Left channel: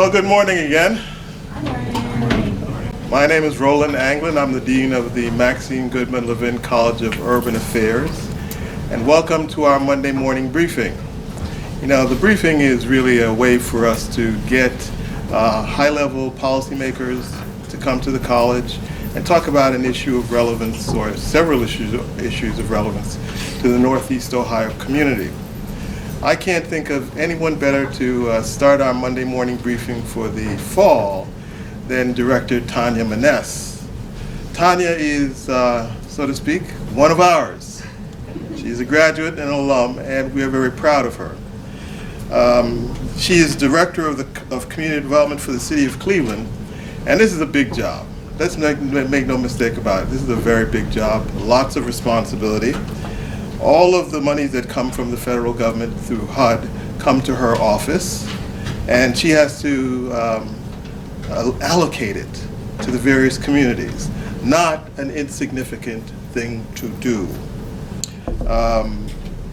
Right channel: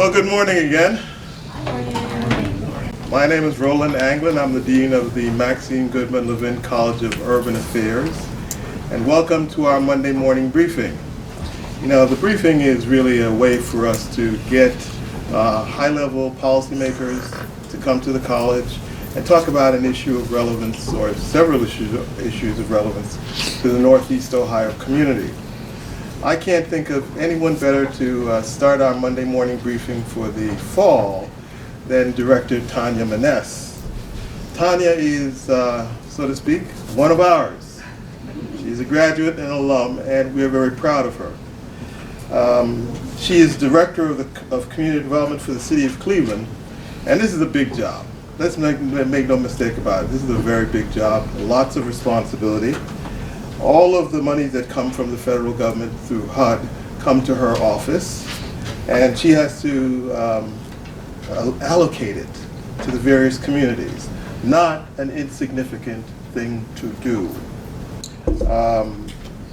Well, good morning again. My name is Roland Anglin. I'm the Dean of the Maxine Goodman Levin College of Urban Affairs. And welcome to our Monday morning briefing. You know, the briefing is really a way for us to get high-level policymakers to come to the college and talk about an issue of relevance or several issues of relevance to the Northeast Ohio community. I can't think of anyone better to start our Monday morning briefing for the fall than Director Tanya Maness. Tanya is, so to speak, one of ours. She's a graduate and alum, and we're very proud of her. She is Director of Community Development for the City of Cleveland, and this is a big job. Let's make no mistake about it. This is a very big job, lots of responsibility. All of the monies that come from the federal government through HUD come to her office, and she has to allocate it to the various communities. Not an insignificant thing to do.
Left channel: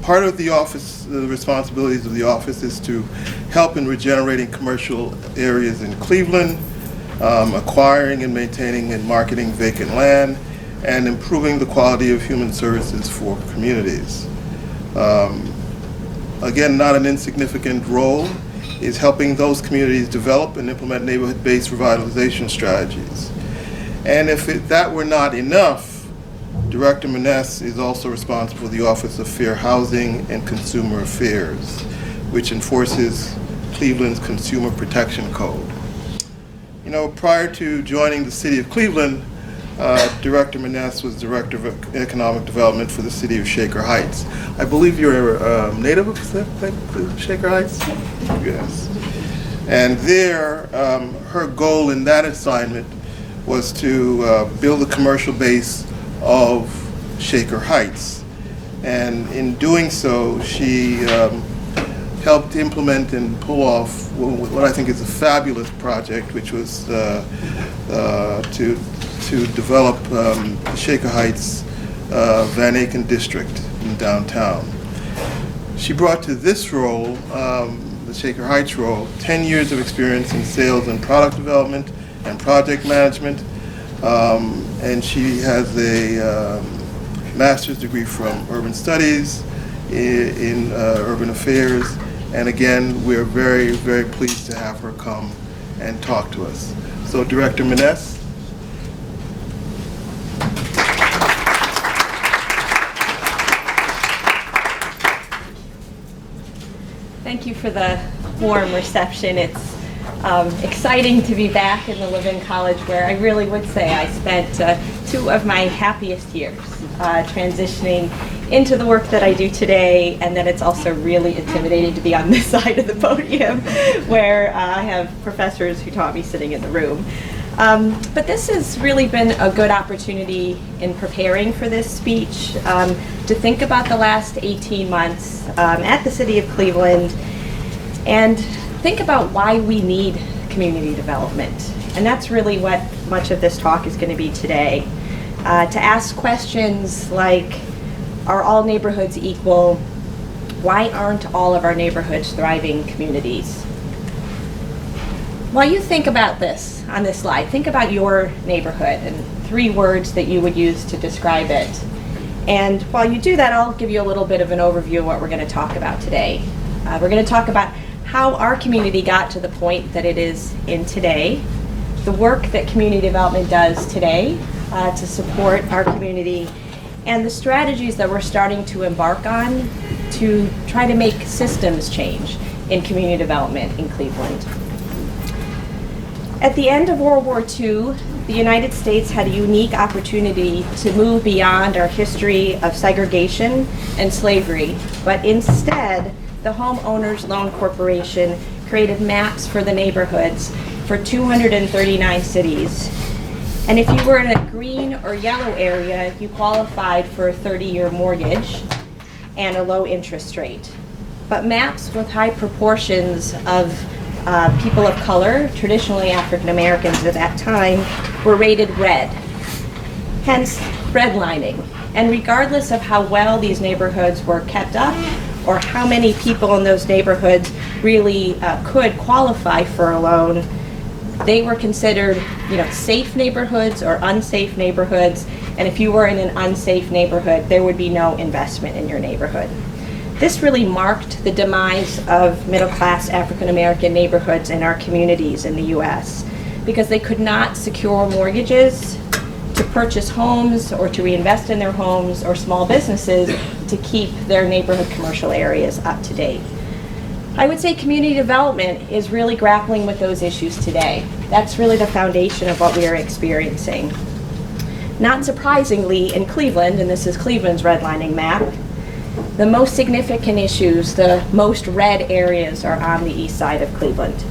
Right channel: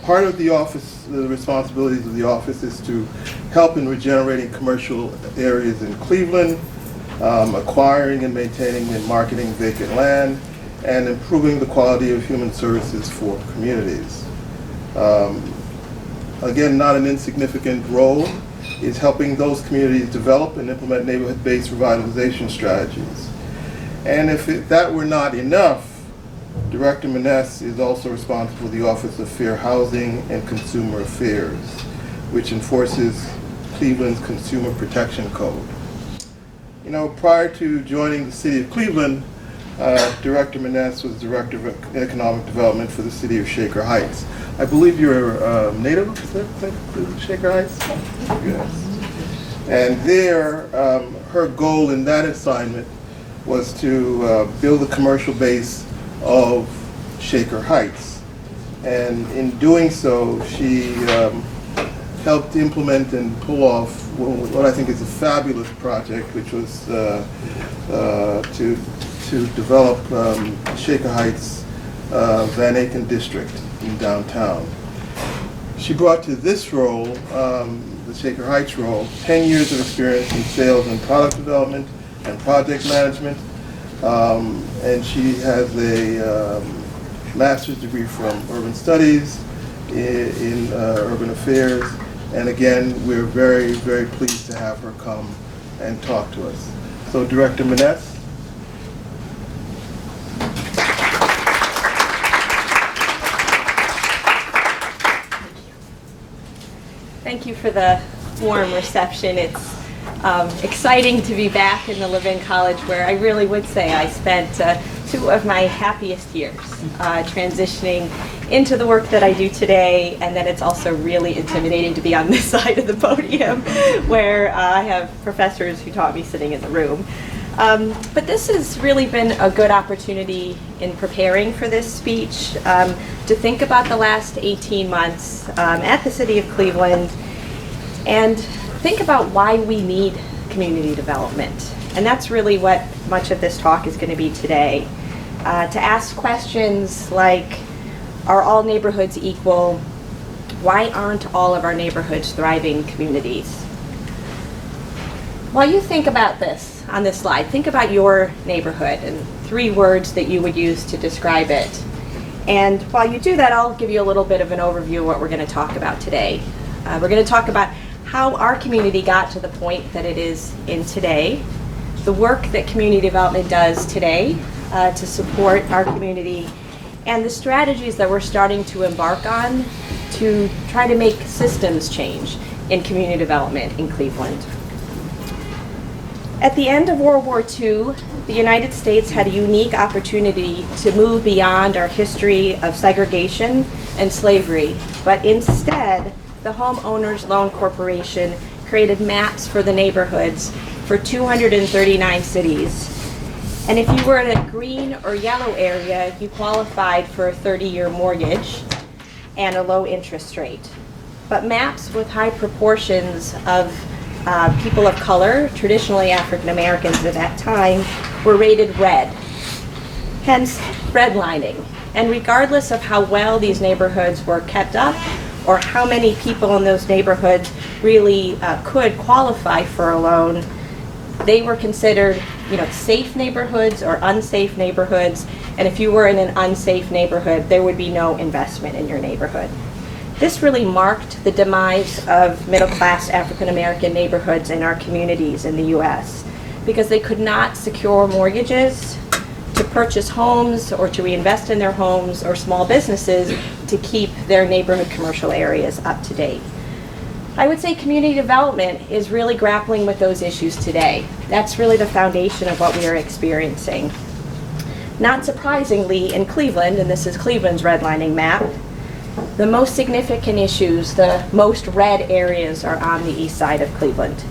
Part of the office, the responsibilities of the office is to help in regenerating commercial areas in Cleveland, acquiring and maintaining and marketing vacant land, and improving the quality of human services for communities. Again, not an insignificant role is helping those communities develop and implement neighborhood-based revitalization strategies. And if that were not enough, Director Maness is also responsible for the Office of Fair Housing and Consumer Affairs, which enforces Cleveland's Consumer Protection Code. You know, prior to joining the City of Cleveland, Director Maness was Director of Economic Development for the City of Shaker Heights. I believe you're a native of Shaker Heights? Yes. And there, her goal in that assignment was to build the commercial base of Shaker Heights. And in doing so, she helped implement and pull off what I think is a fabulous project, which was to develop Shaker Heights Van Aken district in downtown. She brought to this role, the Shaker Heights role, 10 years of experience in sales and product development and project management, and she has a master's degree from Urban Studies in Urban Affairs, and again, we're very, very pleased to have her come and talk to us. So, Director Maness. Thank you for the warm reception. It's exciting to be back in the Levin College, where I really would say I spent 2 of my happiest years transitioning into the work that I do today, and then it's also really intimidating to be on this side of the podium where I have professors who taught me sitting in the room. But this has really been a good opportunity in preparing for this speech to think about the last 18 months at the City of Cleveland and think about why we need community development. And that's really what much of this talk is going to be today. To ask questions like, are all neighborhoods equal? Why aren't all of our neighborhoods thriving communities? While you think about this on this slide, think about your neighborhood and 3 words that you would use to describe it. And while you do that, I'll give you a little bit of an overview of what we're going to talk about today. We're going to talk about how our community got to the point that it is in today, the work that community development does today to support our community, and the strategies that we're starting to embark on to try to make systems change in community development in Cleveland. At the end of World War II, the United States had a unique opportunity to move beyond our history of segregation and slavery, but instead, the Homeowners Loan Corporation created maps for the neighborhoods for 239 cities. And if you were in a green or yellow area, you qualified for a 30-year mortgage and a low interest rate. But maps with high proportions of people of color, traditionally African Americans at that time, were rated red, hence redlining. And regardless of how well these neighborhoods were kept up or how many people in those neighborhoods really could qualify for a loan. They were considered, safe neighborhoods or unsafe neighborhoods, and if you were in an unsafe neighborhood, there would be no investment in your neighborhood. This really marked the demise of middle-class African-American neighborhoods in our communities in the U.S. because they could not secure mortgages to purchase homes or to reinvest in their homes, or small businesses to keep their neighborhood commercial areas up to date. I would say community development is really grappling with those issues today. That's really the foundation of what we are experiencing. Not surprisingly, in Cleveland, and this is Cleveland's redlining map, the most significant issues, the most red areas, are on the east side of Cleveland.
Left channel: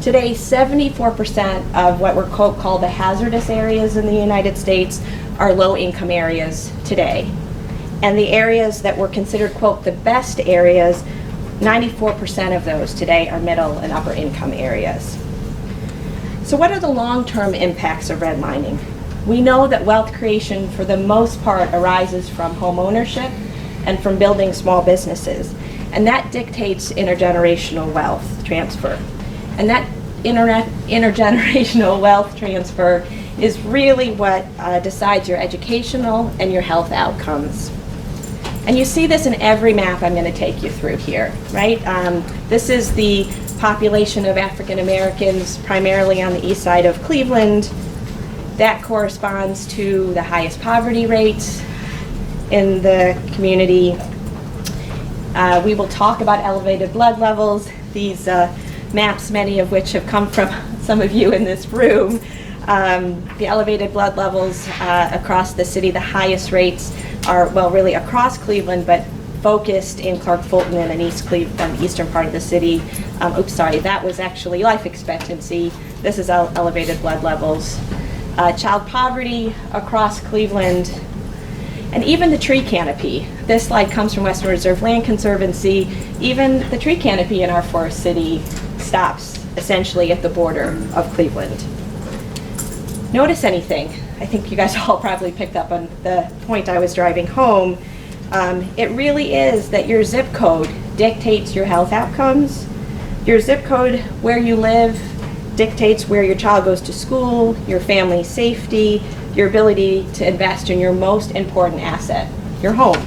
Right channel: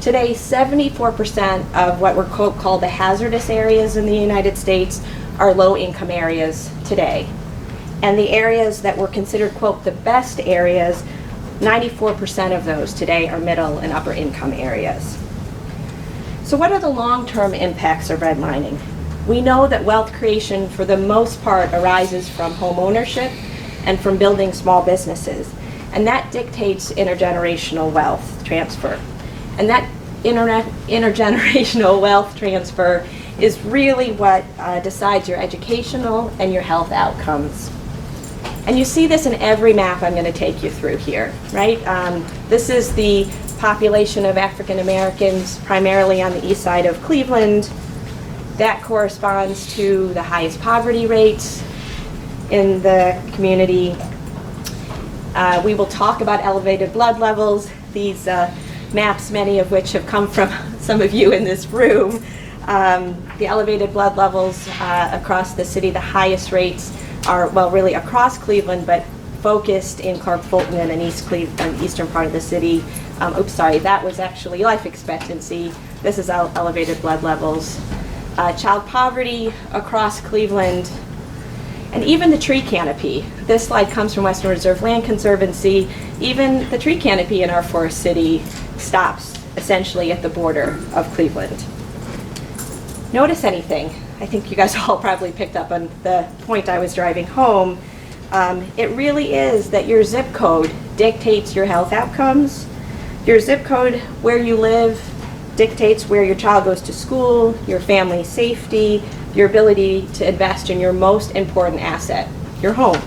Today, 74% of what were called the hazardous areas in the United States are low-income areas today. And the areas that were considered, quote, the best areas, 94% of those today are middle and upper income areas. So what are the long-term impacts of redlining? We know that wealth creation, for the most part, arises from home ownership and from building small businesses. And that dictates intergenerational wealth transfer. And that intergenerational wealth transfer is really what decides your educational and your health outcomes. And you see this in every map I'm going to take you through here, right? This is the population of African Americans primarily on the east side of Cleveland. That corresponds to the highest poverty rates in the community. We will talk about elevated blood levels. These maps, many of which have come from some of you in this room. The elevated blood levels across the city, the highest rates are, well, really across Cleveland, but focused in Clark Fulton and in East Cleveland, eastern part of the city. That was actually life expectancy. This is elevated blood levels. Child poverty across Cleveland, and even the tree canopy. This slide comes from Western Reserve Land Conservancy. Even the tree canopy in our forest city stops essentially at the border of Cleveland. Notice anything? I think you guys all probably picked up on the point I was driving home. It really is that your zip code dictates your health outcomes. Your zip code, where you live, dictates where your child goes to school, your family's safety, your ability to invest in your most important asset, your home.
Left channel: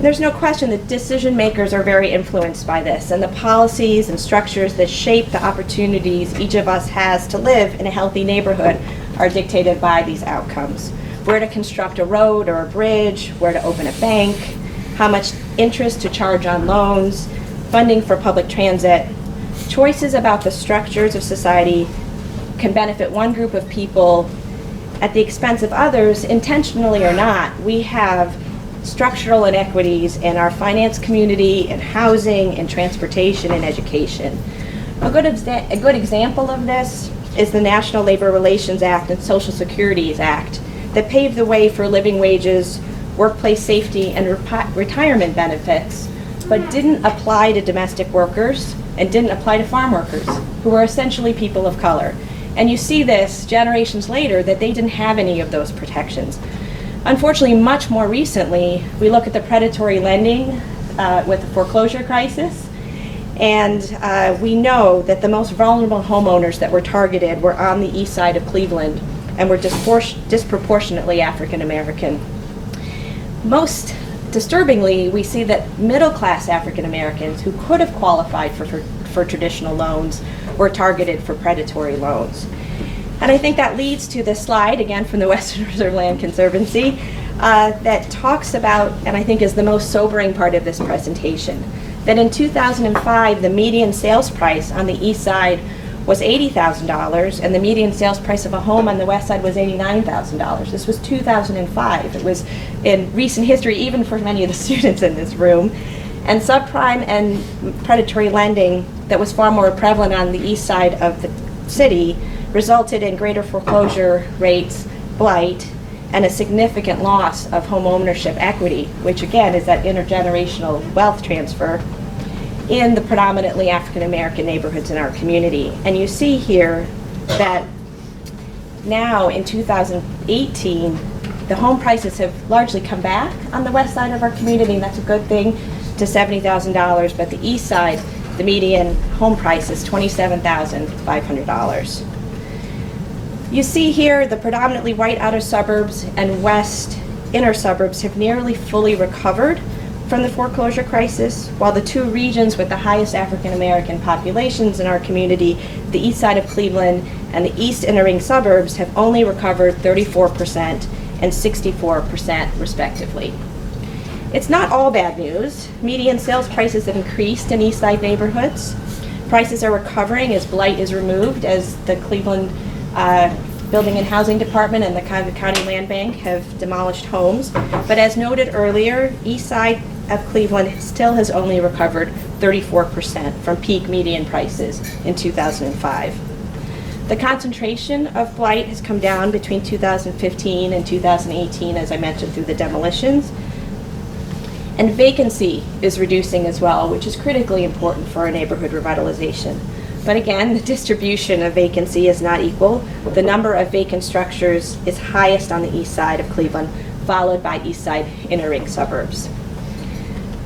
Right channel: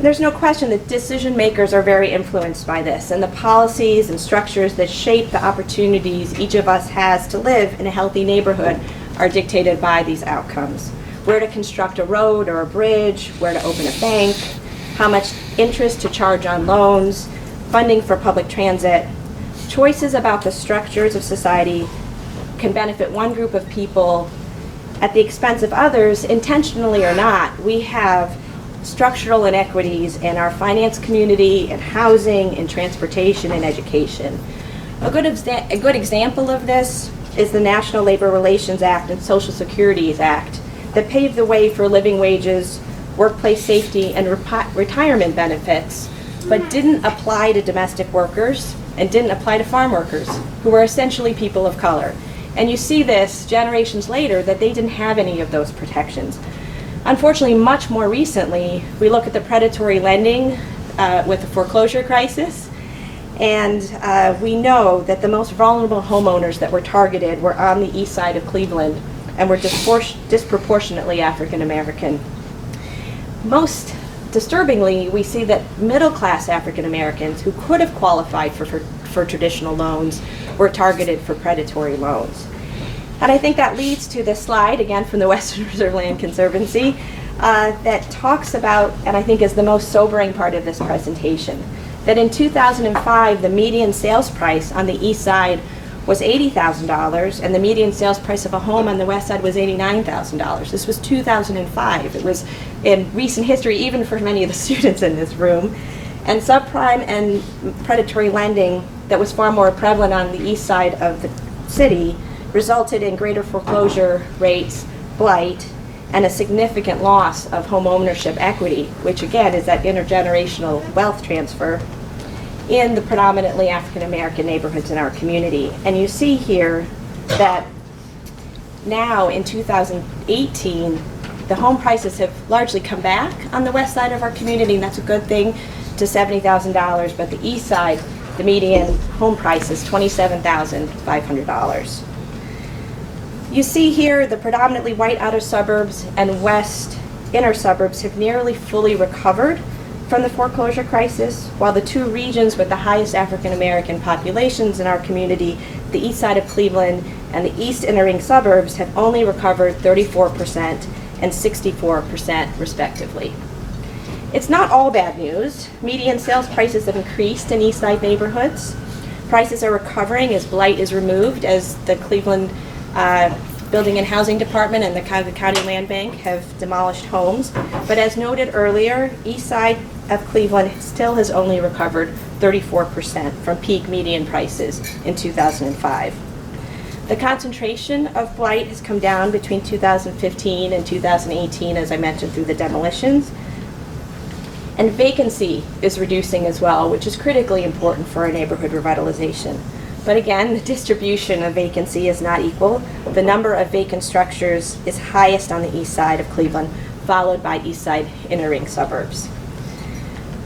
There's no question that decision makers are very influenced by this, and the policies and structures that shape the opportunities each of us has to live in a healthy neighborhood are dictated by these outcomes. Where to construct a road or a bridge, where to open a bank, how much interest to charge on loans, funding for public transit. Choices about the structures of society can benefit one group of people at the expense of others, intentionally or not. We have structural inequities in our finance community, in housing, in transportation, and education. A good example of this is the National Labor Relations Act and Social Security Act that paved the way for living wages, workplace safety, and retirement benefits, but didn't apply to domestic workers and didn't apply to farm workers, who were essentially people of color. And you see this generations later, that they didn't have any of those protections. Unfortunately, much more recently, we look at the predatory lending with the foreclosure crisis, and we know that the most vulnerable homeowners that were targeted were on the east side of Cleveland and were disproportionately African American. Most disturbingly, we see that middle-class African Americans who could have qualified for traditional loans were targeted for predatory loans. And I think that leads to this slide, again from the Western Reserve Land Conservancy, that talks about, and I think is the most sobering part of this presentation, that in 2005, the median sales price on the east side was $80,000, and the median sales price of a home on the west side was $89,000. This was 2005. It was in recent history, even for many of the students in this room. And subprime and predatory lending that was far more prevalent on the east side of the city resulted in greater foreclosure rates, blight, and a significant loss of home ownership equity, which again is that intergenerational wealth transfer in the predominantly African American neighborhoods in our community. And you see here that now in 2018, the home prices have largely come back on the west side of our community, and that's a good thing, to $70,000, but the east side, the median home price is $27,500. You see here the predominantly white outer suburbs and west inner suburbs have nearly fully recovered from the foreclosure crisis, while the two regions with the highest African American populations in our community, the east side of Cleveland and the east inner ring suburbs, have only recovered 34% and 64% respectively. It's not all bad news. Median sales prices have increased in east side neighborhoods. Prices are recovering as blight is removed, as the Cleveland Building and Housing Department and the County Land Bank have demolished homes. But as noted earlier, east side of Cleveland still has only recovered 34% from peak median prices in 2005. The concentration of blight has come down between 2015 and 2018, as I mentioned, through the demolitions. And vacancy is reducing as well, which is critically important for our neighborhood revitalization. But again, the distribution of vacancy is not equal. The number of vacant structures is highest on the east side of Cleveland, followed by east side inner ring suburbs.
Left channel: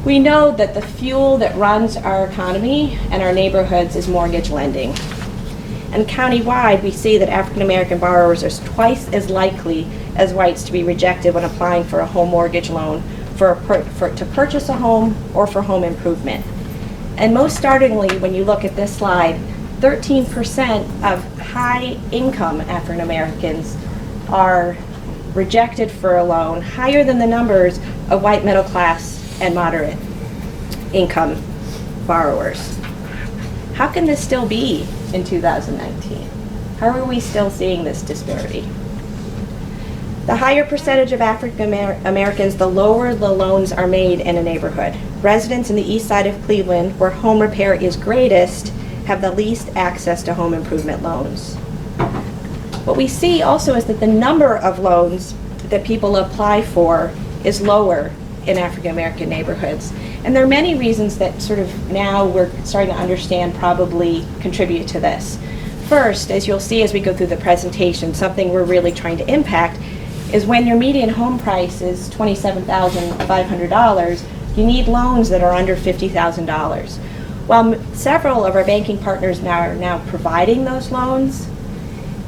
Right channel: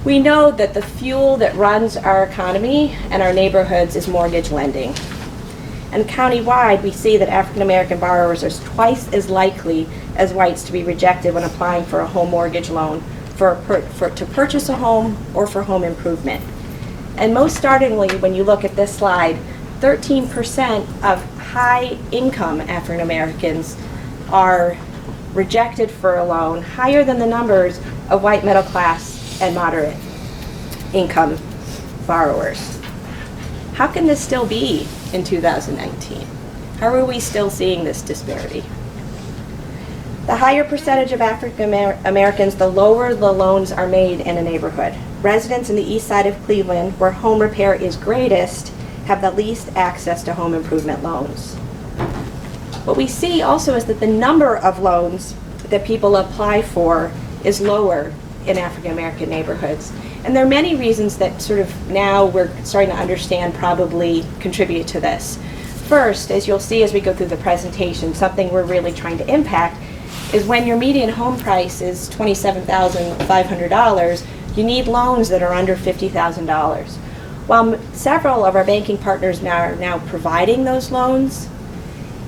We know that the fuel that runs our economy and our neighborhoods is mortgage lending. And countywide, we see that African American borrowers are twice as likely as whites to be rejected when applying for a home mortgage loan to purchase a home or for home improvement. And most startlingly, when you look at this slide, 13% of high-income African Americans are rejected for a loan, higher than the numbers of white middle class and moderate income borrowers. How can this still be in 2019? How are we still seeing this disparity? The higher percentage of African Americans, the lower the loans are made in a neighborhood. Residents in the east side of Cleveland, where home repair is greatest, have the least access to home improvement loans. What we see also is that the number of loans that people apply for is lower in African American neighborhoods. And there are many reasons that sort of now we're starting to understand probably contribute to this. First, as you'll see as we go through the presentation, something we're really trying to impact is when your median home price is $27,500, you need loans that are under $50,000. While several of our banking partners are now providing those loans,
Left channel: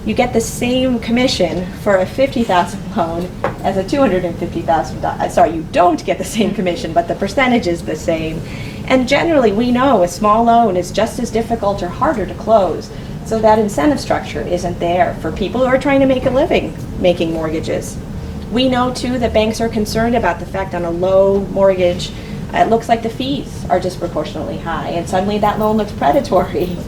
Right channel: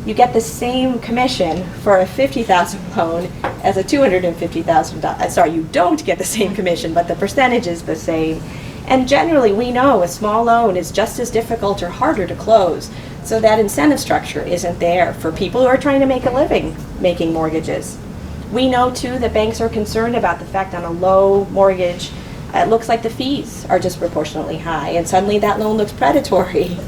you get the same commission for a $50,000 loan as a $250,000. Sorry, you don't get the same commission, but the percentage is the same. And generally, we know a small loan is just as difficult or harder to close. So that incentive structure isn't there for people who are trying to make a living making mortgages. We know too that banks are concerned about the fact on a low mortgage, it looks like the fees are disproportionately high, and suddenly that loan looks predatory.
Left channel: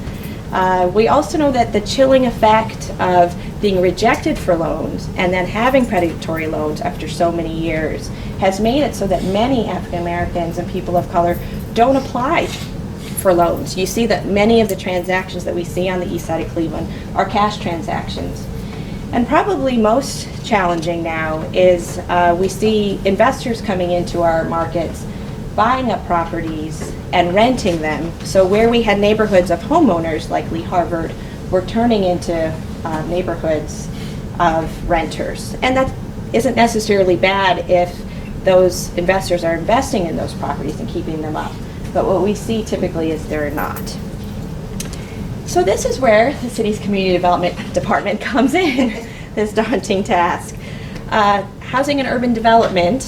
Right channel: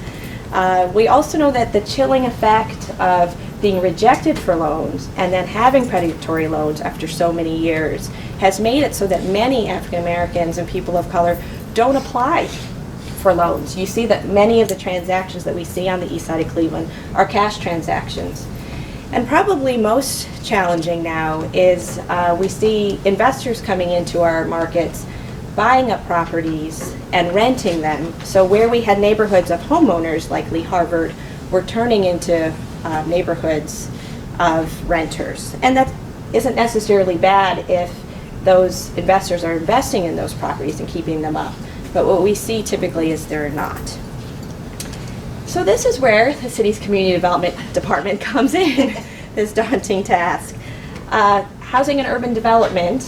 We also know that the chilling effect of being rejected for loans and then having predatory loans after so many years has made it so that many African Americans and people of color don't apply for loans. You see that many of the transactions that we see on the east side of Cleveland are cash transactions. And probably most challenging now is we see investors coming into our markets, buying up properties and renting them. So where we had neighborhoods of homeowners like Lee Harvard, we're turning into neighborhoods of renters. And that isn't necessarily bad if those investors are investing in those properties and keeping them up. But what we see typically is they're not. So this is where the city's community development department comes in, this daunting task. Housing and urban development,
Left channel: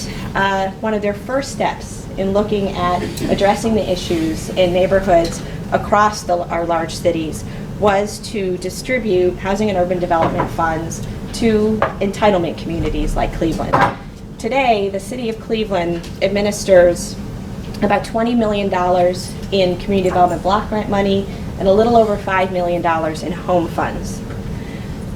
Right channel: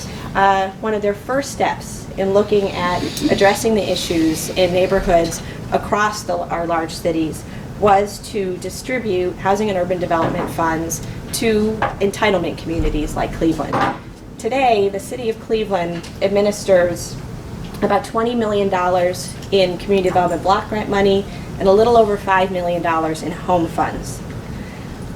one of their first steps in looking at addressing the issues in neighborhoods across our large cities was to distribute housing and urban development funds to entitlement communities like Cleveland. Today, the city of Cleveland administers about $20 million in community development block grant money and a little over $5 million in home funds.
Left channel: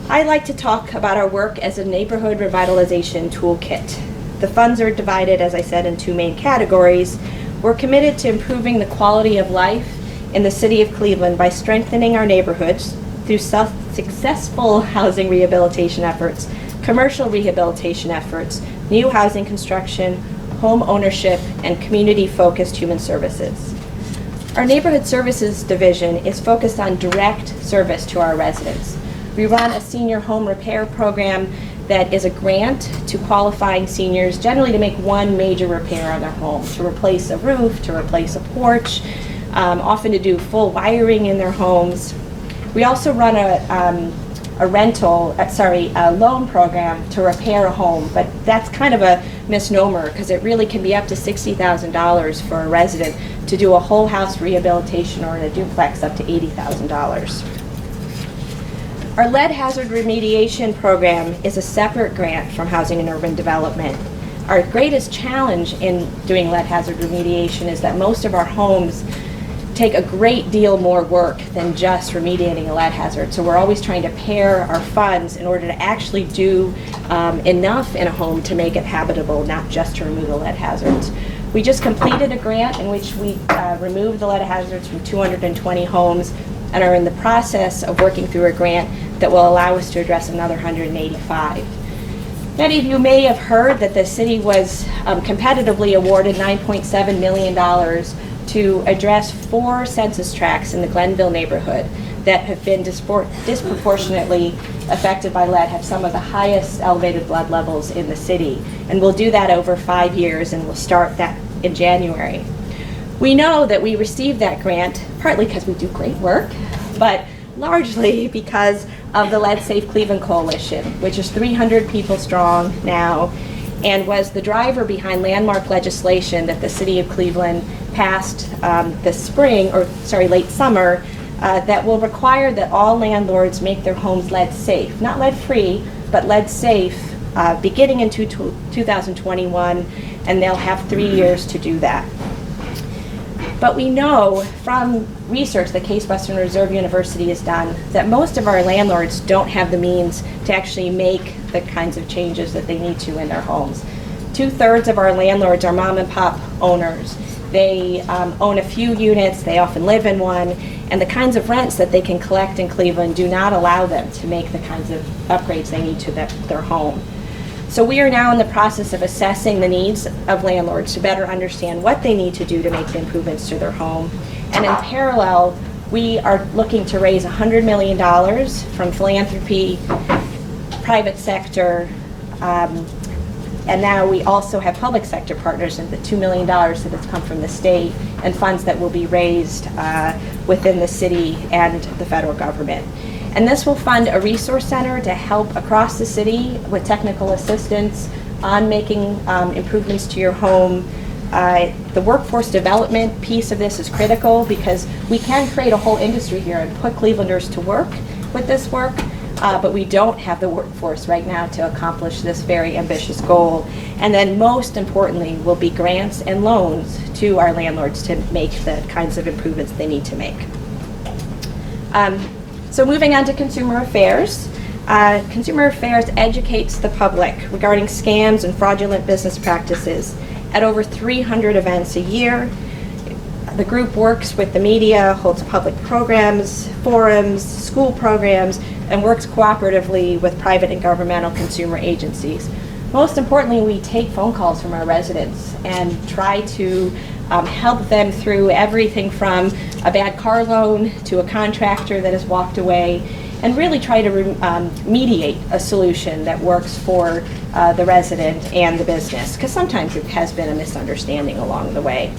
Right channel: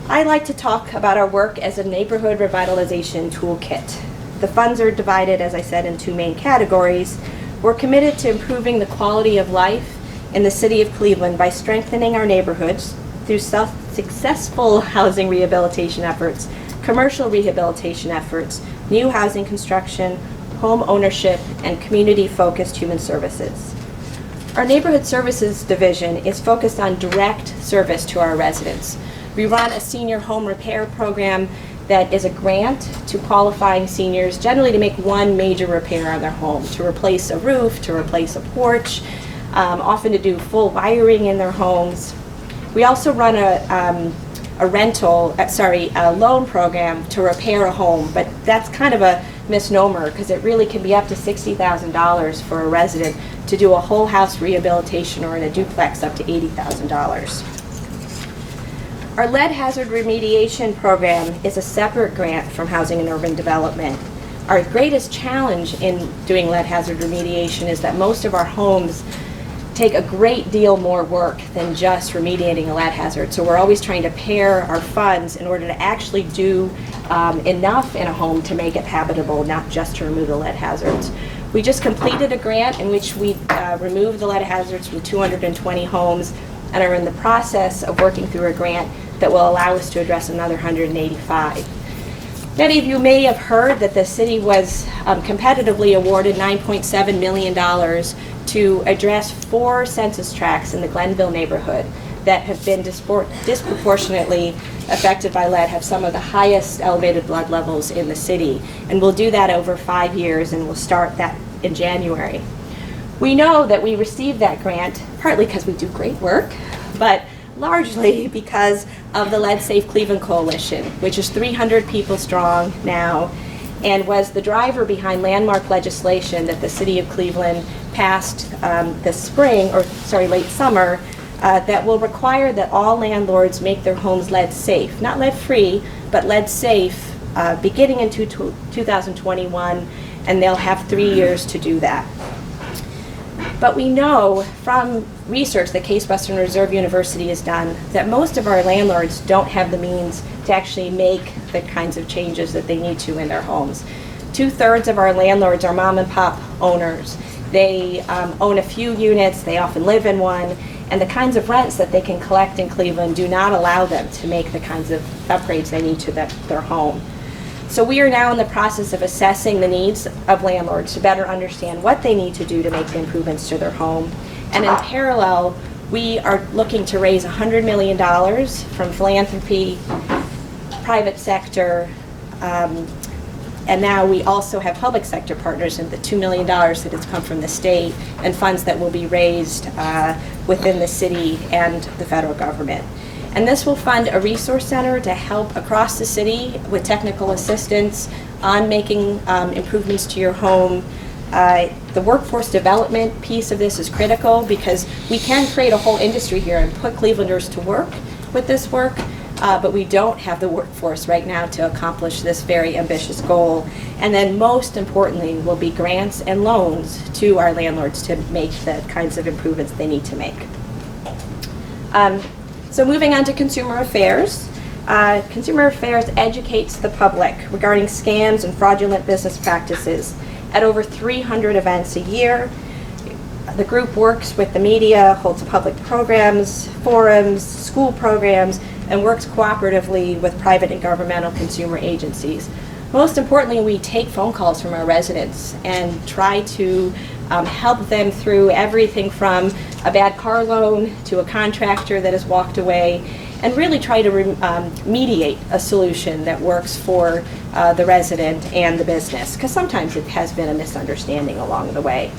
I like to talk about our work as a neighborhood revitalization toolkit. The funds are divided, as I said, in two main categories. We're committed to improving the quality of life in the city of Cleveland by strengthening our neighborhoods through successful housing rehabilitation efforts, commercial rehabilitation efforts, new housing construction, home ownership, and community-focused human services. Our Neighborhood Services Division is focused on direct service to our residents. We run a senior home repair program that is a grant to qualifying seniors, generally to make one major repair on their home, to replace a roof, to replace a porch, often to do full wiring in their homes. We also run a loan program to repair a home, but that's kind of a misnomer because it really can be up to $60,000 for a resident to do a whole house rehabilitation, or in a duplex up to $80,000. Our lead hazard remediation program is a separate grant from Housing and Urban Development. Our greatest challenge in doing lead hazard remediation is that most of our homes take a great deal more work than just remediating a lead hazard. So we're always trying to pair our funds in order to actually do enough in a home to make it habitable, not just to remove the lead hazards. We just completed a grant in which we removed the lead hazards from 220 homes and are in the process of working through a grant that will allow us to address another 185. Many of you may have heard that the city was competitively awarded $9.7 million to address 4 census tracts in the Glenville neighborhood that have been disproportionately affected by lead, have some of the highest elevated blood levels in the city. And we'll do that over 5 years, and we'll start that in January. We know that we received that grant partly because we do great work, but largely because of the Lead Safe Cleveland Coalition, which is 300 people strong now, and was the driver behind landmark legislation that the city of Cleveland passed late summer, that will require that all landlords make their homes lead safe, not lead free, but lead safe, beginning in 2021, and they'll have 3 years to do that. But we know from research that Case Western Reserve University has done that most of our landlords don't have the means to actually make the kinds of changes that they need to in their homes. 2/3 of our landlords are mom and pop owners. They own a few units, they often live in one, and the kinds of rents that they can collect in Cleveland do not allow them to make the kinds of upgrades they need to their home. So we are now in the process of assessing the needs of landlords to better understand what they need to do to make the improvements to their home. And in parallel, we are looking to raise $100 million from philanthropy, private sector, and now we also have public sector partners in the $2 million that has come from the state and funds that will be raised within the city and the federal government. And this will fund a resource center to help across the city with technical assistance on making improvements to your home. The workforce development piece of this is critical because we can create a whole industry here and put Clevelanders to work with this work, but we don't have the workforce right now to accomplish this very ambitious goal. And then most importantly will be grants and loans to our landlords to make the kinds of improvements they need to make. So moving on to consumer affairs. Consumer affairs educates the public regarding scams and fraudulent business practices at over 300 events a year. The group works with the media, holds public programs, forums, school programs, and works cooperatively with private and governmental consumer agencies. Most importantly, we take phone calls from our residents and try to help them through everything from a bad car loan to a contractor that has walked away, and really try to mediate a solution that works for the resident and the business, because sometimes it has been a misunderstanding along the way.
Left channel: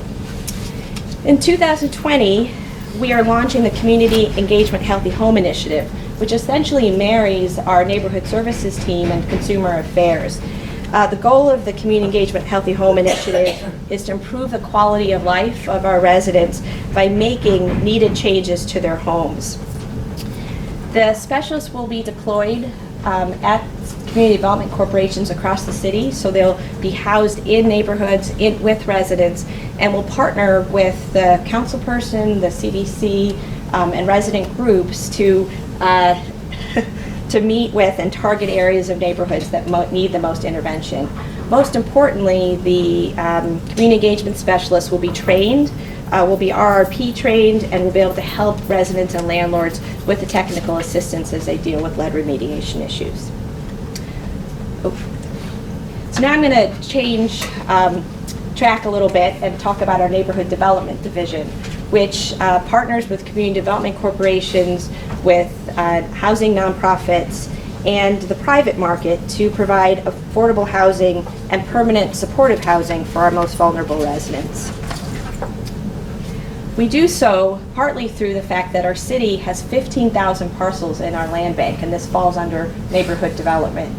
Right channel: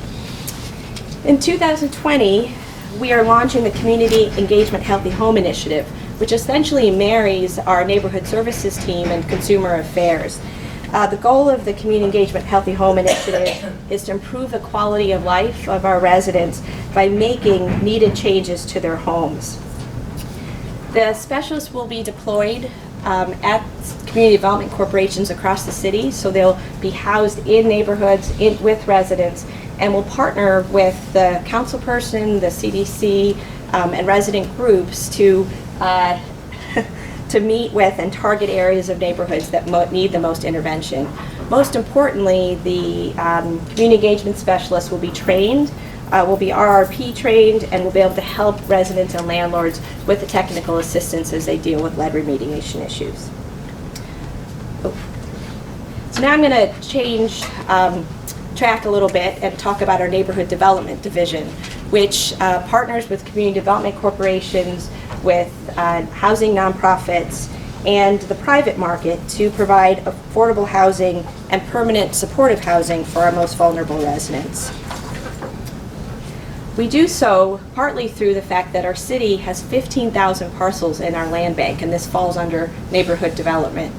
In 2020, we are launching the Community Engagement Healthy Home Initiative, which essentially marries our neighborhood services team and consumer affairs. The goal of the Community Engagement Healthy Home Initiative is to improve the quality of life of our residents by making needed changes to their homes. The specialists will be deployed at community development corporations across the city, so they'll be housed in neighborhoods with residents, and will partner with the councilperson, the CDC, and resident groups to meet with and target areas of neighborhoods that need the most intervention. Most importantly, the community engagement specialists will be trained, will be RRP trained, and will be able to help residents and landlords with the technical assistance as they deal with lead remediation issues. So now I'm going to change track a little bit and talk about our neighborhood development division, which partners with community development corporations, with housing nonprofits, and the private market to provide affordable housing and permanent supportive housing for our most vulnerable residents. We do so partly through the fact that our city has 15,000 parcels in our land bank, and this falls under neighborhood development.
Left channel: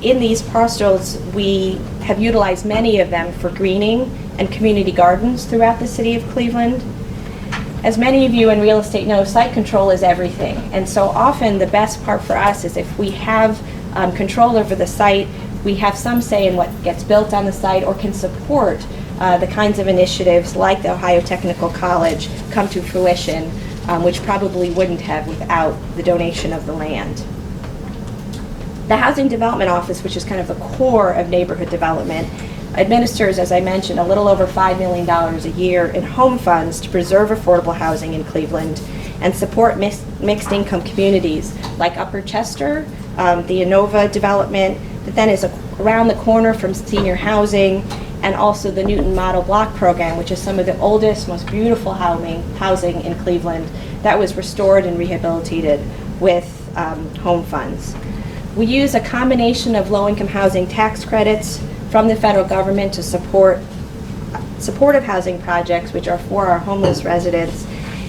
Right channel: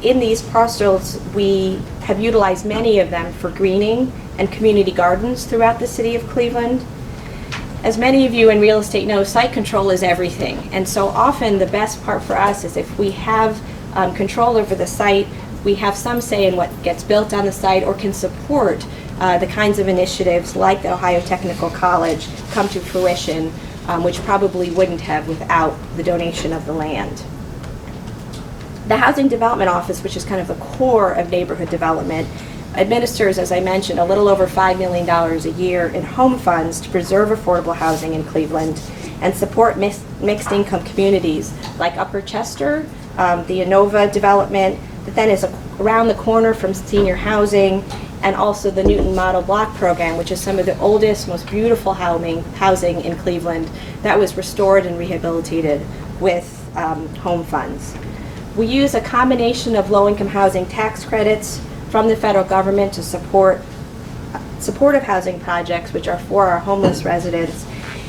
In these parcels, we have utilized many of them for greening and community gardens throughout the city of Cleveland. As many of you in real estate know, site control is everything. And so often the best part for us is if we have control over the site, we have some say in what gets built on the site or can support the kinds of initiatives like the Ohio Technical College come to fruition, which probably wouldn't have without the donation of the land. The Housing Development Office, which is kind of the core of neighborhood development, administers, as I mentioned, a little over $5 million a year in home funds to preserve affordable housing in Cleveland and support mixed income communities like Upper Chester, the Inova development that then is around the corner from senior housing, and also the Newton Model Block Program, which is some of the oldest, most beautiful housing in Cleveland that was restored and rehabilitated with home funds. We use a combination of low-income housing tax credits from the federal government to support supportive housing projects, which are for our homeless residents.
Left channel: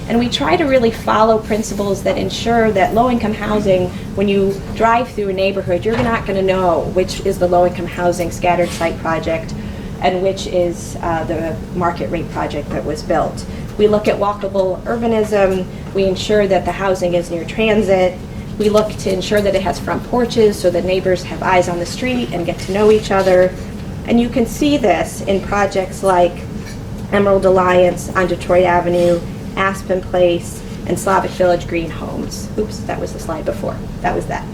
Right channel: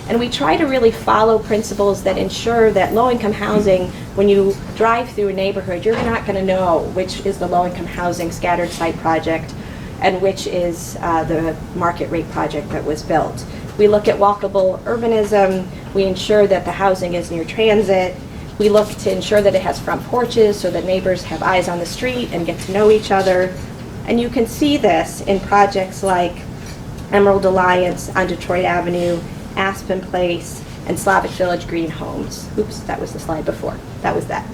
And we try to really follow principles that ensure that low-income housing, when you drive through a neighborhood, you're not going to know which is the low-income housing scattered site project and which is the market rate project that was built. We look at walkable urbanism. We ensure that the housing is near transit. We look to ensure that it has front porches so that neighbors have eyes on the street and get to know each other. And you can see this in projects like Emerald Alliance on Detroit Avenue, Aspen Place, and Slavic Village Green Homes. Oops, that was the slide before. That was that.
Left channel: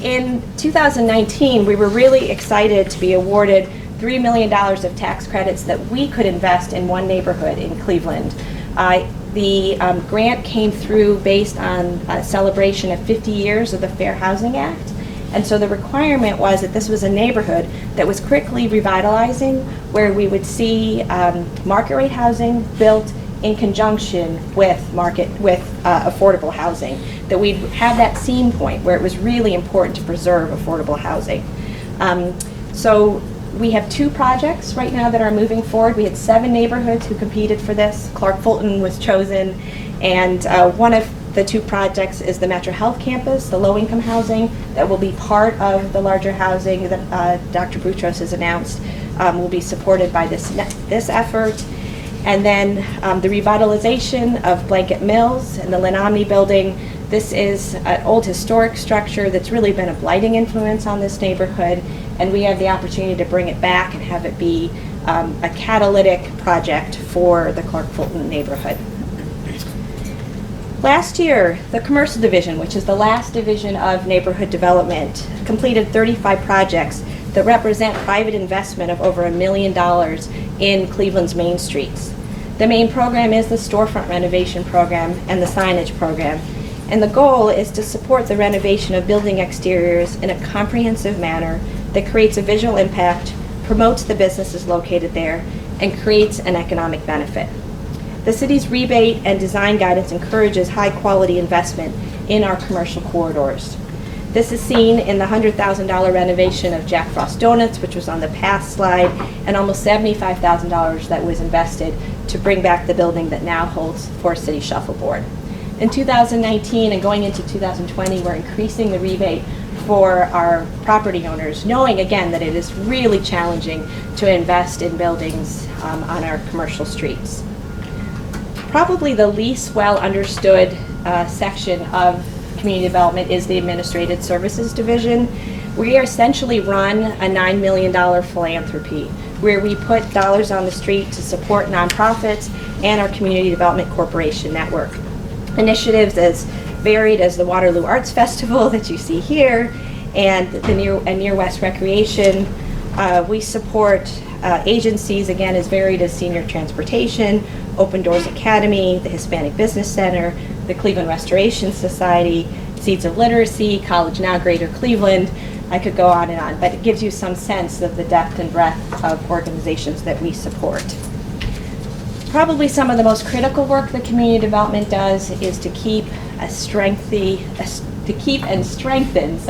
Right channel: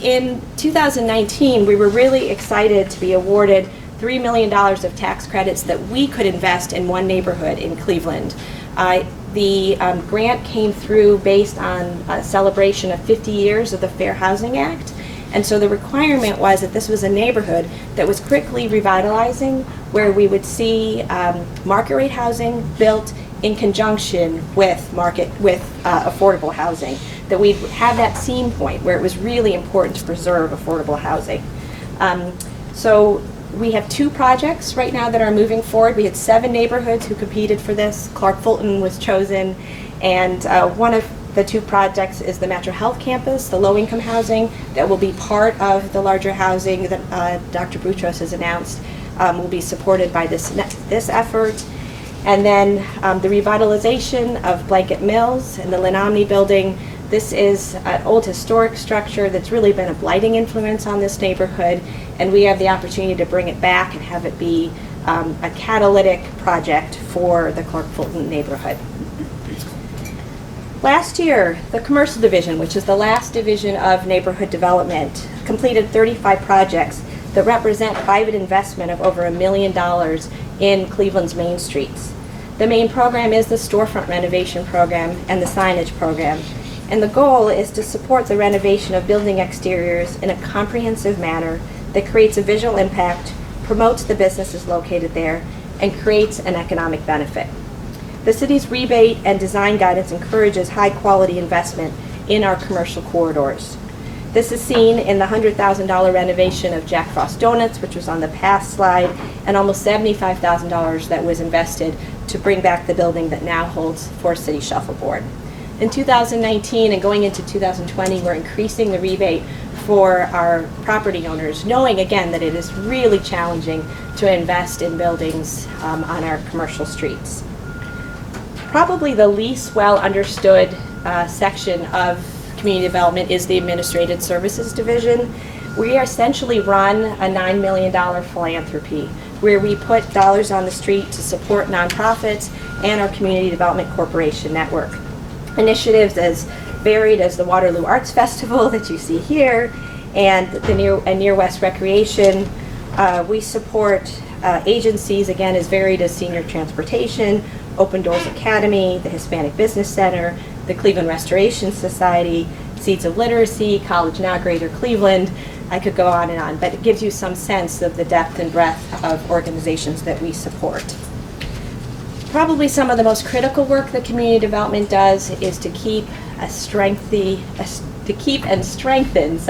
In 2019, we were really excited to be awarded $3 million of tax credits that we could invest in one neighborhood in Cleveland. The grant came through based on a celebration of 50 years of the Fair Housing Act. And so the requirement was that this was a neighborhood that was quickly revitalizing, where we would see market rate housing built in conjunction with affordable housing, that we'd have that seam point where it was really important to preserve affordable housing. So we have 2 projects right now that are moving forward. We had 7 neighborhoods who competed for this. Clark Fulton was chosen, and one of the 2 projects is the Metro Health Campus, the low-income housing that will be part of the larger housing that Dr. Boutros has announced will be supported by this effort. And then the revitalization of Blanket Mills and the Linomni building. This is an old historic structure that's really been a blighting influence on this neighborhood, and we have the opportunity to bring it back and have it be a catalytic project for the Clark Fulton neighborhood. Last year, the commercial division, which is the last division of neighborhood development, completed 35 projects that represent private investment of over $1 million in Cleveland's main streets. The main program is the storefront renovation program and the signage program. And the goal is to support the renovation of building exteriors in a comprehensive manner that creates a visual impact, promotes the businesses located there, and creates an economic benefit. The city's rebate and design guidance encourages high-quality investment in our commercial corridors. This is seen in the $100,000 renovation of Jack Frost Donuts, which was on the past slide, and almost $75,000 that was invested to bring back the building that now holds Forest City Shuffleboard. In 2019 and going into 2020, we're increasing the rebate for our property owners, knowing again that it is really challenging to invest in buildings on our commercial streets. Probably the least well understood section of community development is the Administrative Services Division. We essentially run a $9 million philanthropy where we put dollars on the street to support nonprofits and our Community Development Corporation network. Initiatives as varied as the Waterloo Arts Festival that you see here and the Near West Recreation. We support agencies again as varied as Senior Transportation, Open Doors Academy, the Hispanic Business Center, the Cleveland Restoration Society, Seeds of Literacy, College Now Greater Cleveland. I could go on, but it gives you some sense of the depth and breadth of organizations that we support. Probably some of the most critical work that community development does is to keep a keep and strengthen,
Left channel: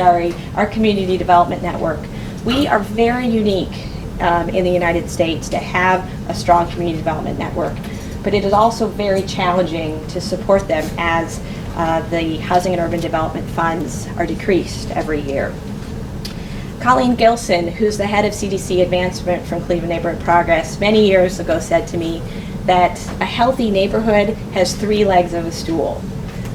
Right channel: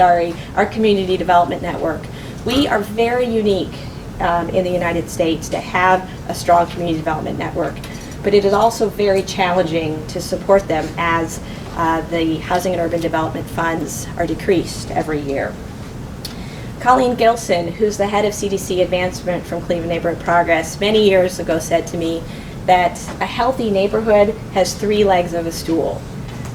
our community development network. We are very unique in the United States to have a strong community development network, but it is also very challenging to support them as the housing and urban development funds are decreased every year. Colleen Gilson, who's the head of CDC Advancement from Cleveland Neighborhood Progress, many years ago said to me that a healthy neighborhood has 3 legs of a stool:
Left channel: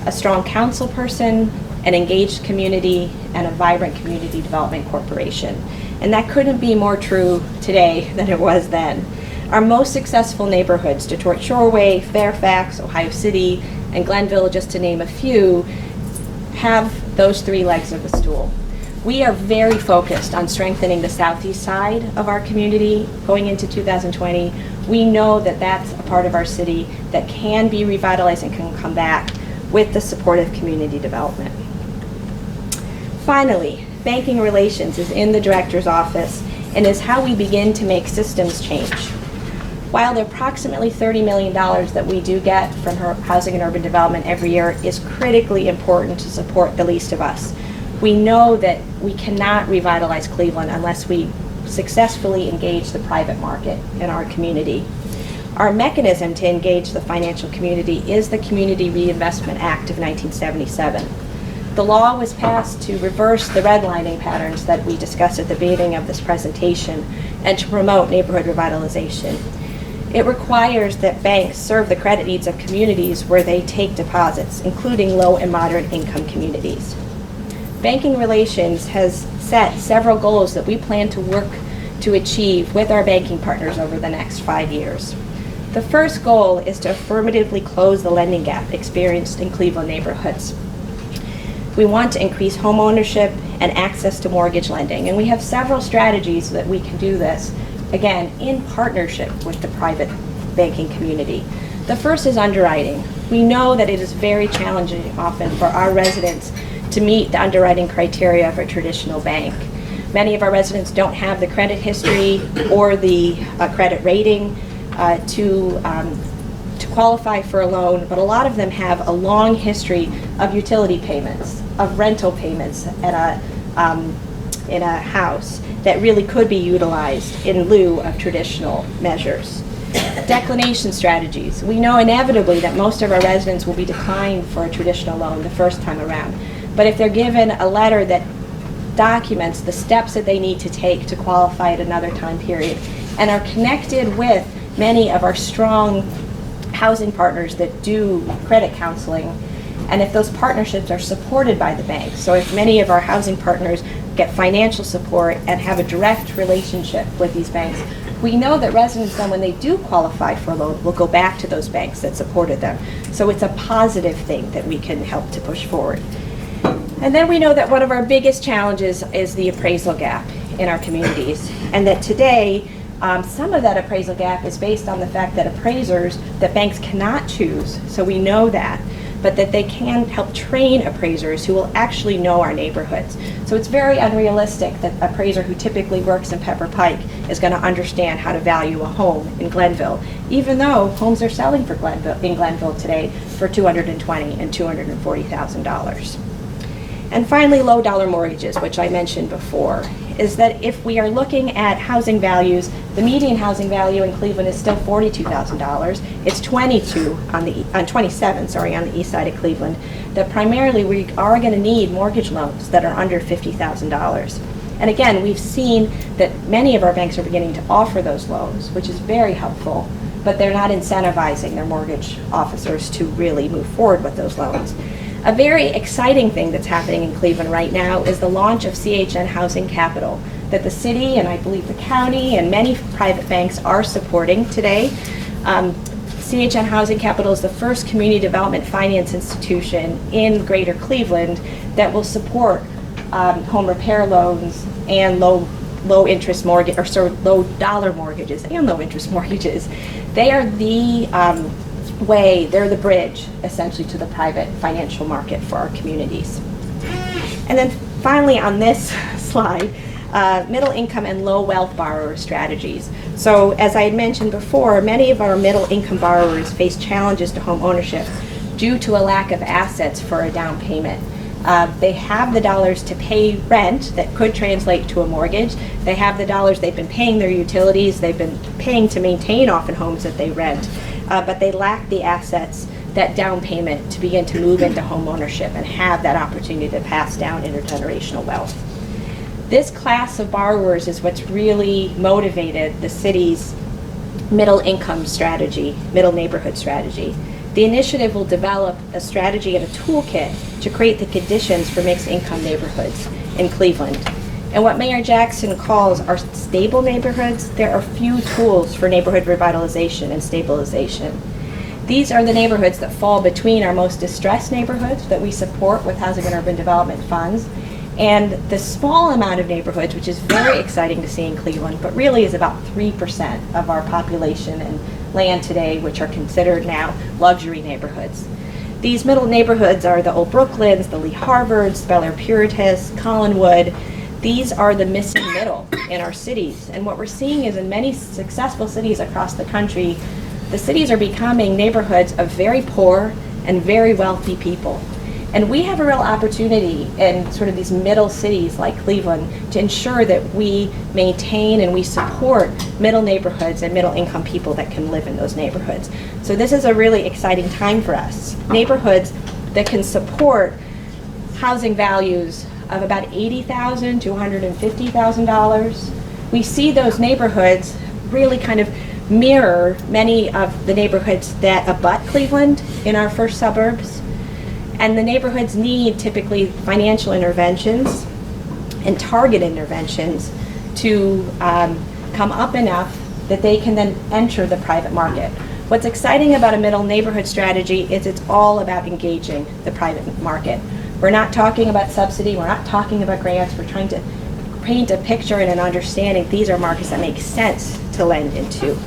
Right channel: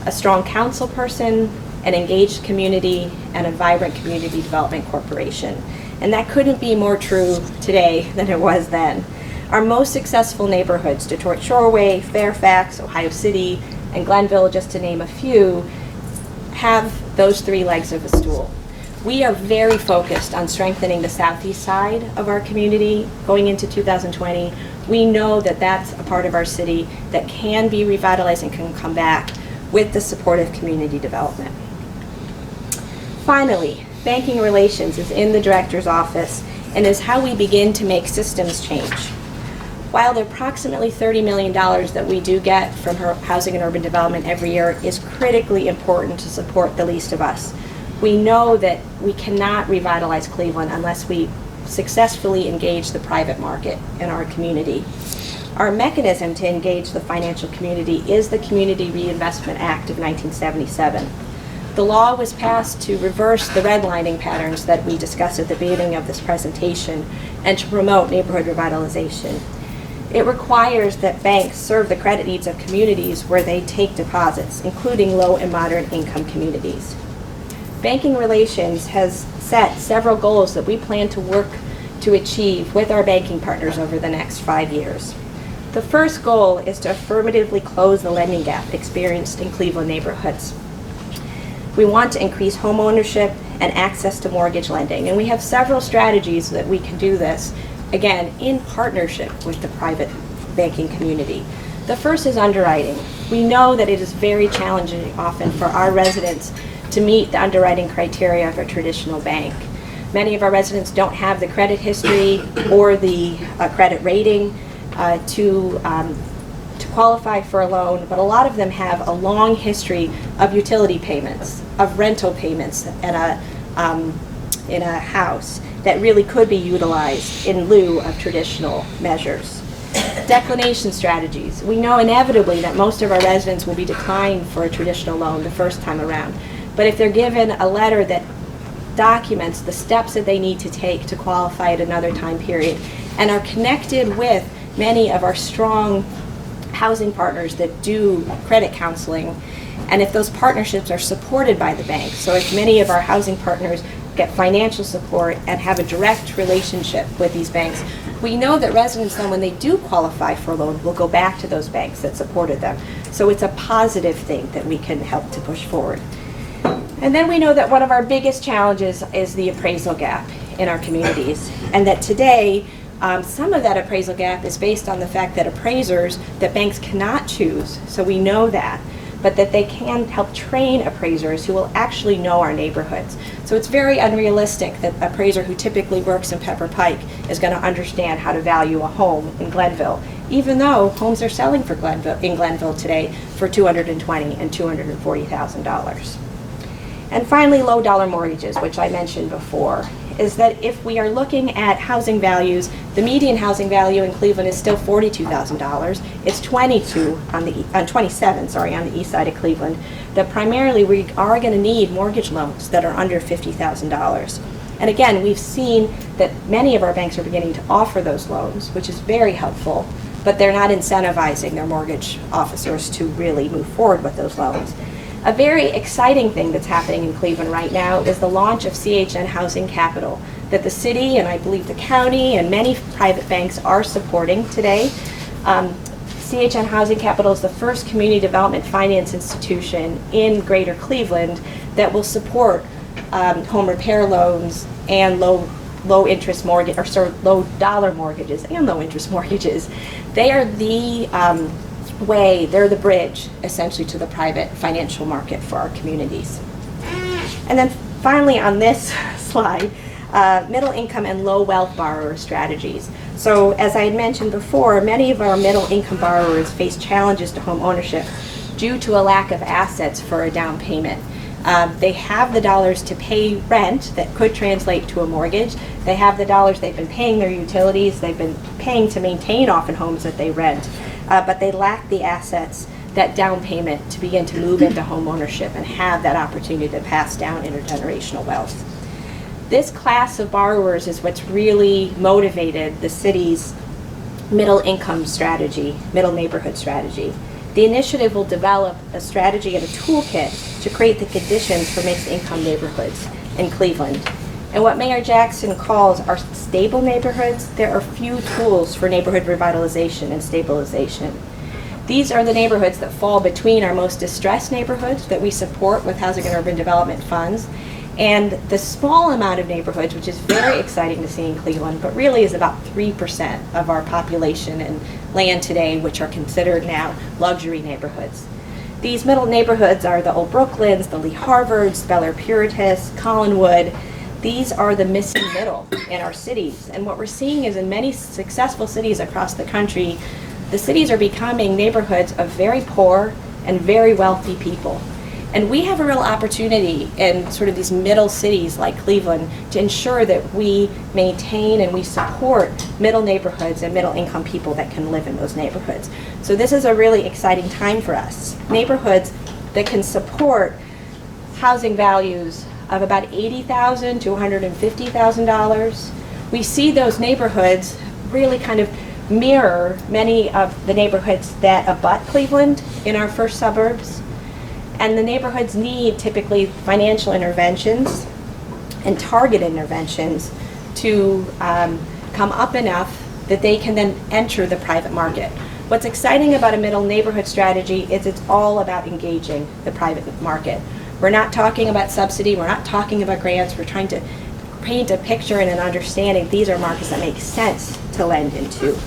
a strong council person, an engaged community, and a vibrant community development corporation. And that couldn't be more true today than it was then. Our most successful neighborhoods, Detroit Shoreway, Fairfax, Ohio City, and Glenville, just to name a few, have those 3 legs of a stool. We are very focused on strengthening the southeast side of our community going into 2020. We know that that's a part of our city that can be revitalized and can come back with the support of community development. Finally, banking relations is in the director's office and is how we begin to make systems change. While the approximately $30 million that we do get from housing and urban development every year is critically important to support the least of us, we know that we cannot revitalize Cleveland unless we successfully engage the private market in our community. Our mechanism to engage the financial community is the Community Reinvestment Act of 1977. The law was passed to reverse the redlining patterns that we discussed at the beginning of this presentation and to promote neighborhood revitalization. It requires that banks serve the credit needs of communities where they take deposits, including low and moderate income communities. Banking Relations has set several goals that we plan to work to achieve with our banking partners over the next 5 years. The first goal is to affirmatively close the lending gap experienced in Cleveland neighborhoods. We want to increase homeownership and access to mortgage lending, and we have several strategies that we can do this, again, in partnership with the private banking community. The first is underwriting. We know that it is very challenging often for our residents to meet the underwriting criteria of a traditional bank. Many of our residents don't have the credit history or the credit rating to qualify for a loan, but a lot of them have a long history of utility payments, of rental payments in a house that really could be utilized in lieu of traditional measures. Declination strategies. We know inevitably that most of our residents will be declined for a traditional loan the first time around. But if they're given a letter that documents the steps that they need to take to qualify at another time period and are connected with many of our strong housing partners that do credit counseling, and if those partnerships are supported by the bank, so if many of our housing partners get financial support and have a direct relationship with these banks, we know that residents then, when they do qualify for a loan, will go back to those banks that supported them. So it's a positive thing that we can help to push forward. And then we know that one of our biggest challenges is the appraisal gap in our communities, and that today some of that appraisal gap is based on the fact that appraisers that banks cannot choose, so we know that, but that they can help train appraisers who will actually know our neighborhoods. So it's very unrealistic that an appraiser who typically works in Pepper Pike is going to understand how to value a home in Glenville, even though homes are selling for in Glenville today for $220,000 and $240,000. And finally, low dollar mortgages, which I mentioned before, is that if we are looking at housing values, the median housing value in Cleveland is still $42,000. It's $27,000 on the east side of Cleveland. That primarily we are going to need mortgage loans that are under $50,000. And again, we've seen that many of our banks are beginning to offer those loans, which is very helpful, but they're not incentivizing their mortgage officers to really move forward with those loans. A very exciting thing that's happening in Cleveland right now is the launch of Chn Housing Capital that the city and I believe the county and many private banks are supporting today. Chn Housing Capital is the first community development finance institution in Greater Cleveland that will support home repair loans and low interest mortgage, or sorry, low dollar mortgages and low interest mortgages. They are the they're the bridge essentially to the private financial market for our communities. And then finally on this slide, middle income and low wealth borrower strategies. So as I had mentioned before, many of our middle income borrowers face challenges to home ownership due to a lack of assets for a down payment. They have the dollars to pay rent that could translate to a mortgage. They have the dollars, they've been paying their utilities, they've been paying to maintain often homes that they rent, but they lack the assets, that down payment to begin to move into home ownership and have that opportunity to pass down intergenerational wealth. This class of borrowers is what's really motivated the city's middle income strategy, middle neighborhood strategy. The initiative will develop a strategy and a toolkit to create the conditions for mixed income neighborhoods in Cleveland. And what Mayor Jackson calls our stable neighborhoods, there are few tools for neighborhood revitalization and stabilization. These are the neighborhoods that fall between our most distressed neighborhoods that we support with housing and urban development funds, and the small amount of neighborhoods, which is very exciting to see in Cleveland, but really is about 3% of our population and land today, which are considered now luxury neighborhoods. These middle neighborhoods are the Old Brooklyns, the Lee Harvards, Bel Air Puritas, Collinwood. These are the missing middle in our cities. And what we're seeing is in many successful cities across the country, the cities are becoming neighborhoods of very poor and very wealthy people. And we have a real opportunity in sort of these middle cities like Cleveland to ensure that we maintain and we support middle neighborhoods and middle income people that can live in those neighborhoods. So this is a really exciting time for us. Neighborhoods that can support housing values of about $80,000 to $150,000. We see those neighborhoods really kind of mirror many of the neighborhoods that abut Cleveland in our first suburbs. And the neighborhoods need typically financial interventions and target interventions to come up enough that they can then enter the private market. What's exciting about a middle neighborhood strategy is it's all about engaging the private market. We're not talking about subsidy, we're not talking about grants, we're trying to paint a picture and an understanding these are markets that make sense to lend into.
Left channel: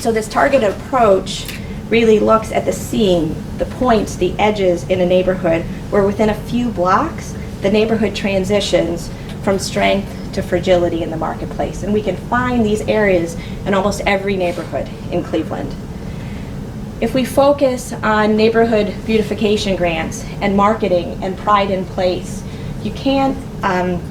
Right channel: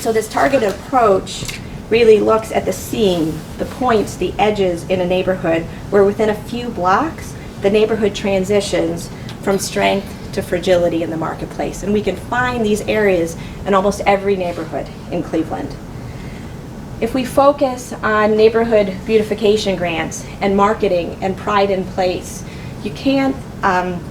So this targeted approach really looks at the seam, the points, the edges in a neighborhood where within a few blocks, the neighborhood transitions from strength to fragility in the marketplace. And we can find these areas in almost every neighborhood in Cleveland. If we focus on neighborhood beautification grants and marketing and pride in place, you can't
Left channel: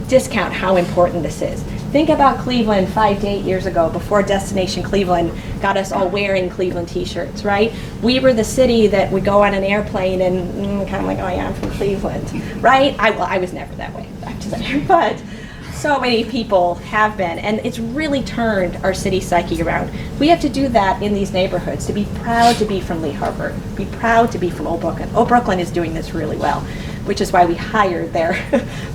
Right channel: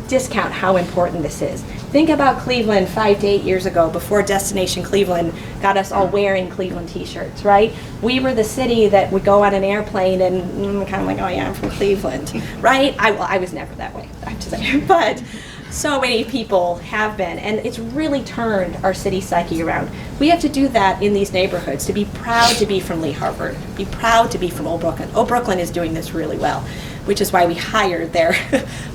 discount how important this is. Think about Cleveland 5 to 8 years ago, before Destination Cleveland got us all wearing Cleveland t-shirts, right? We were the city that would go on an airplane and kind of like, oh yeah, I'm from Cleveland, right? I was never that way, I have to say, but so many people have been, and it's really turned our city psyche around. We have to do that in these neighborhoods, to be proud to be from Lee Harvard, be proud to be from Old Brooklyn. Old Brooklyn is doing this really well, which is why we hired their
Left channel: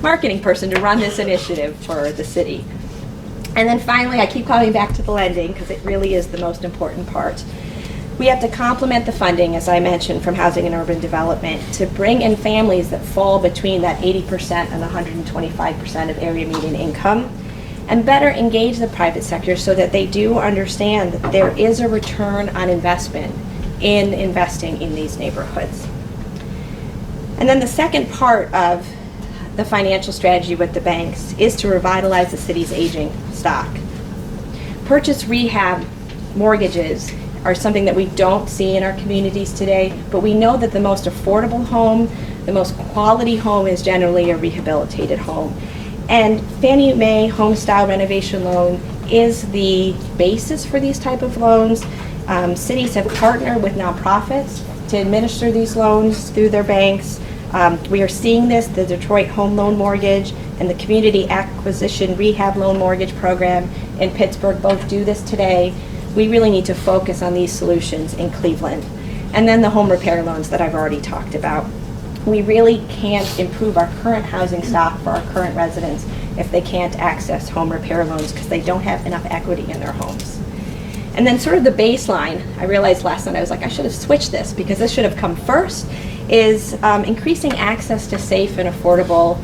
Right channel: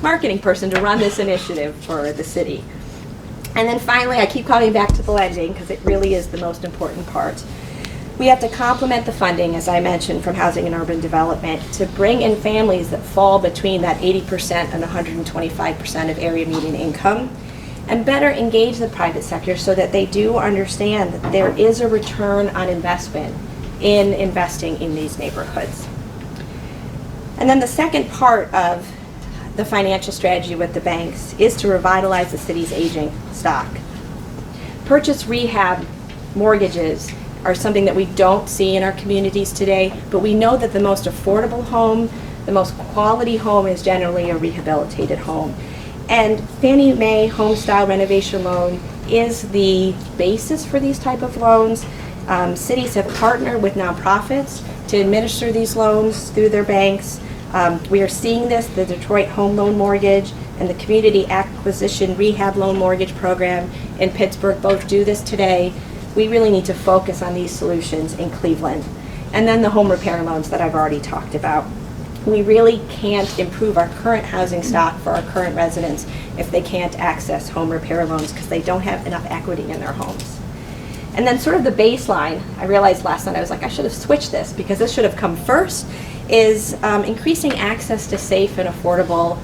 marketing person to run this initiative for the city. And then finally, I keep coming back to the lending because it really is the most important part. We have to complement the funding, as I mentioned, from housing and urban development to bring in families that fall between that 80% and 125% of area median income, and better engage the private sector so that they do understand that there is a return on investment in investing in these neighborhoods. And then the second part of the financial strategy with the banks is to revitalize the city's aging stock. Purchase rehab mortgages are something that we don't see in our communities today, but we know that the most affordable home, the most quality home is generally a rehabilitated home. And Fannie Mae Home Style Renovation Loan is the basis for these type of loans. Cities have partnered with nonprofits to administer these loans through their banks. We are seeing this, the Detroit Home Loan Mortgage and the Community Acquisition Rehab Loan Mortgage Program in Pittsburgh both do this today. We really need to focus on these solutions in Cleveland. And then the home repair loans that I've already talked about. We really can't improve our current housing stock for our current residents if they can't access home repair loans because they don't have enough equity in their homes. And then sort of the baseline, I realized last night, I was like, I should have switched this because this should have come first, is increasing access to safe and affordable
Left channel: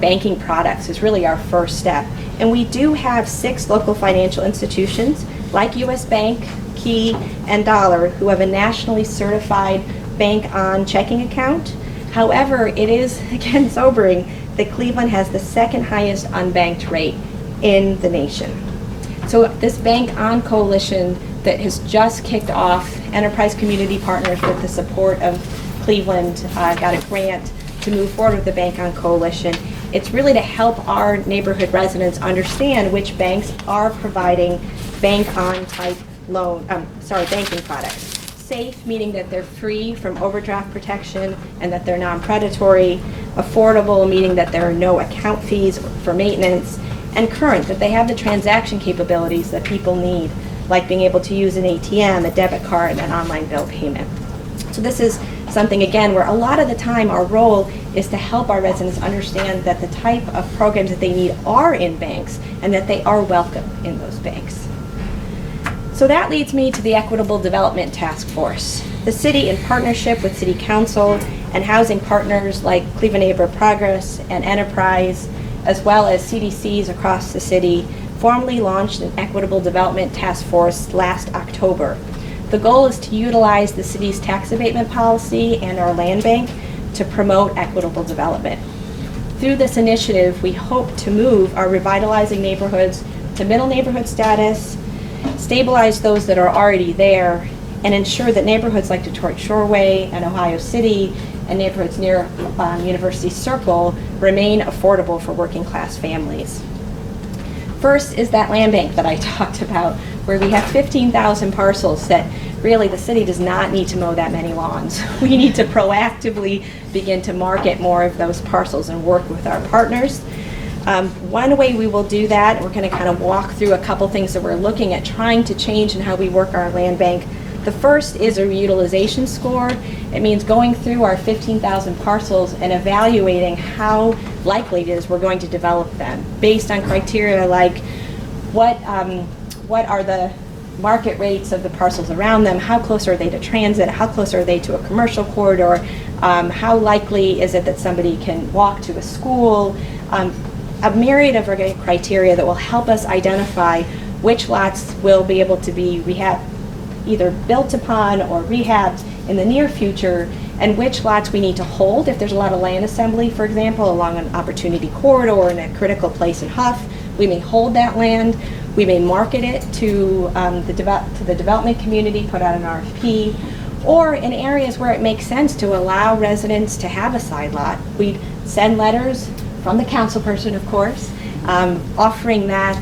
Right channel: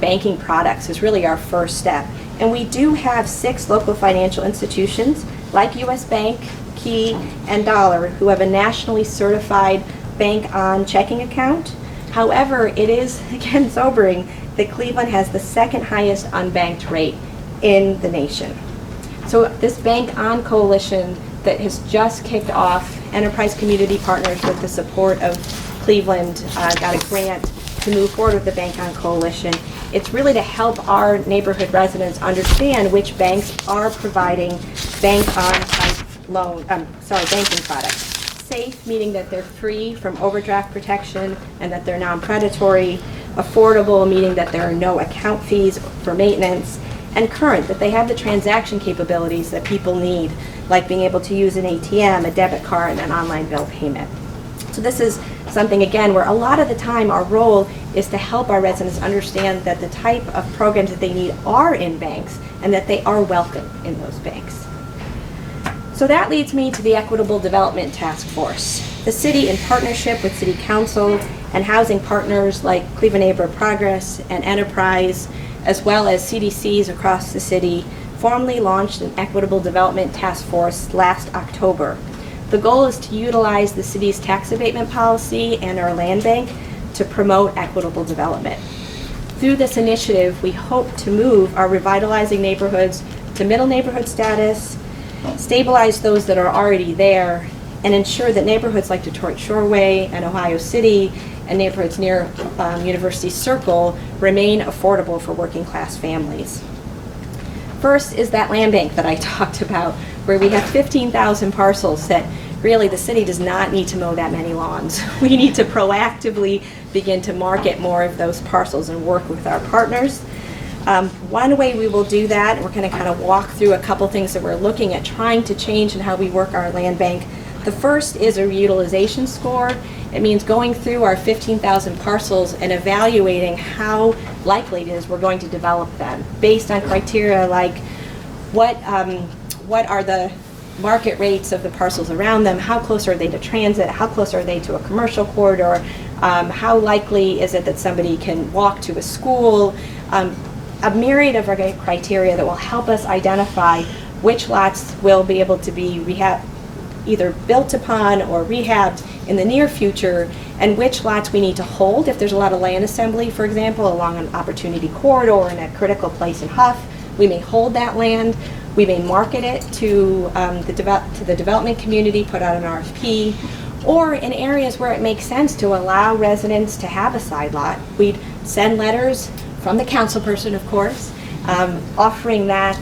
banking products is really our first step. And we do have 6 local financial institutions like US Bank, Key, and Dollar who have a nationally certified bank on checking account. However, it is, again, sobering that Cleveland has the second highest unbanked rate in the nation. So this Bank On coalition that has just kicked off, Enterprise Community Partners with the support of Cleveland, got a grant to move forward with the Bank On Coalition, it's really to help our neighborhood residents understand which banks are providing bank-on type banking products. Safe, meaning that they're free from overdraft protection and that they're non-predatory. Affordable, meaning that there are no account fees for maintenance. And current, that they have the transaction capabilities that people need, like being able to use an ATM, a debit card, and an online bill payment. So this is something, again, where a lot of the time our role is to help our residents understand that the type of programs that they need are in banks and that they are welcome in those banks. So that leads me to the Equitable Development Task Force. The city, in partnership with City Council and housing partners like Cleveland Neighborhood Progress and Enterprise, as well as CDCs across the city, formally launched an Equitable Development Task Force last October. The goal is to utilize the city's tax abatement policy and our land bank to promote equitable development. Through this initiative, we hope to move our revitalizing neighborhoods to middle neighborhood status, stabilize those that are already there, and ensure that neighborhoods like Detroit Shoreway and Ohio City and neighborhoods near University Circle remain affordable for working class families. First is that land bank that I talked about, where we have 15,000 parcels that really the city does not need to mow that many lawns. We need to proactively begin to market more of those parcels and work with our partners. One way we will do that, we're going to kind of walk through a couple things that we're looking at trying to change in how we work our land bank. The first is a reutilization score. It means going through our 15,000 parcels and evaluating how likely it is we're going to develop them based on criteria like what are the market rates of the parcels around them, how close are they to transit, how close are they to a commercial corridor, how likely is it that somebody can walk to a school, a myriad of criteria that will help us identify which lots will be able to be either built upon or rehabbed in the near future, and which lots we need to hold if there's a lot of land assembly, for example, along an opportunity corridor in a critical place in Huff. We may hold that land. We may market it to the development community, put out an RFP, or in areas where it makes sense to allow residents to have a side lot. We'd send letters from the council person, of course, offering that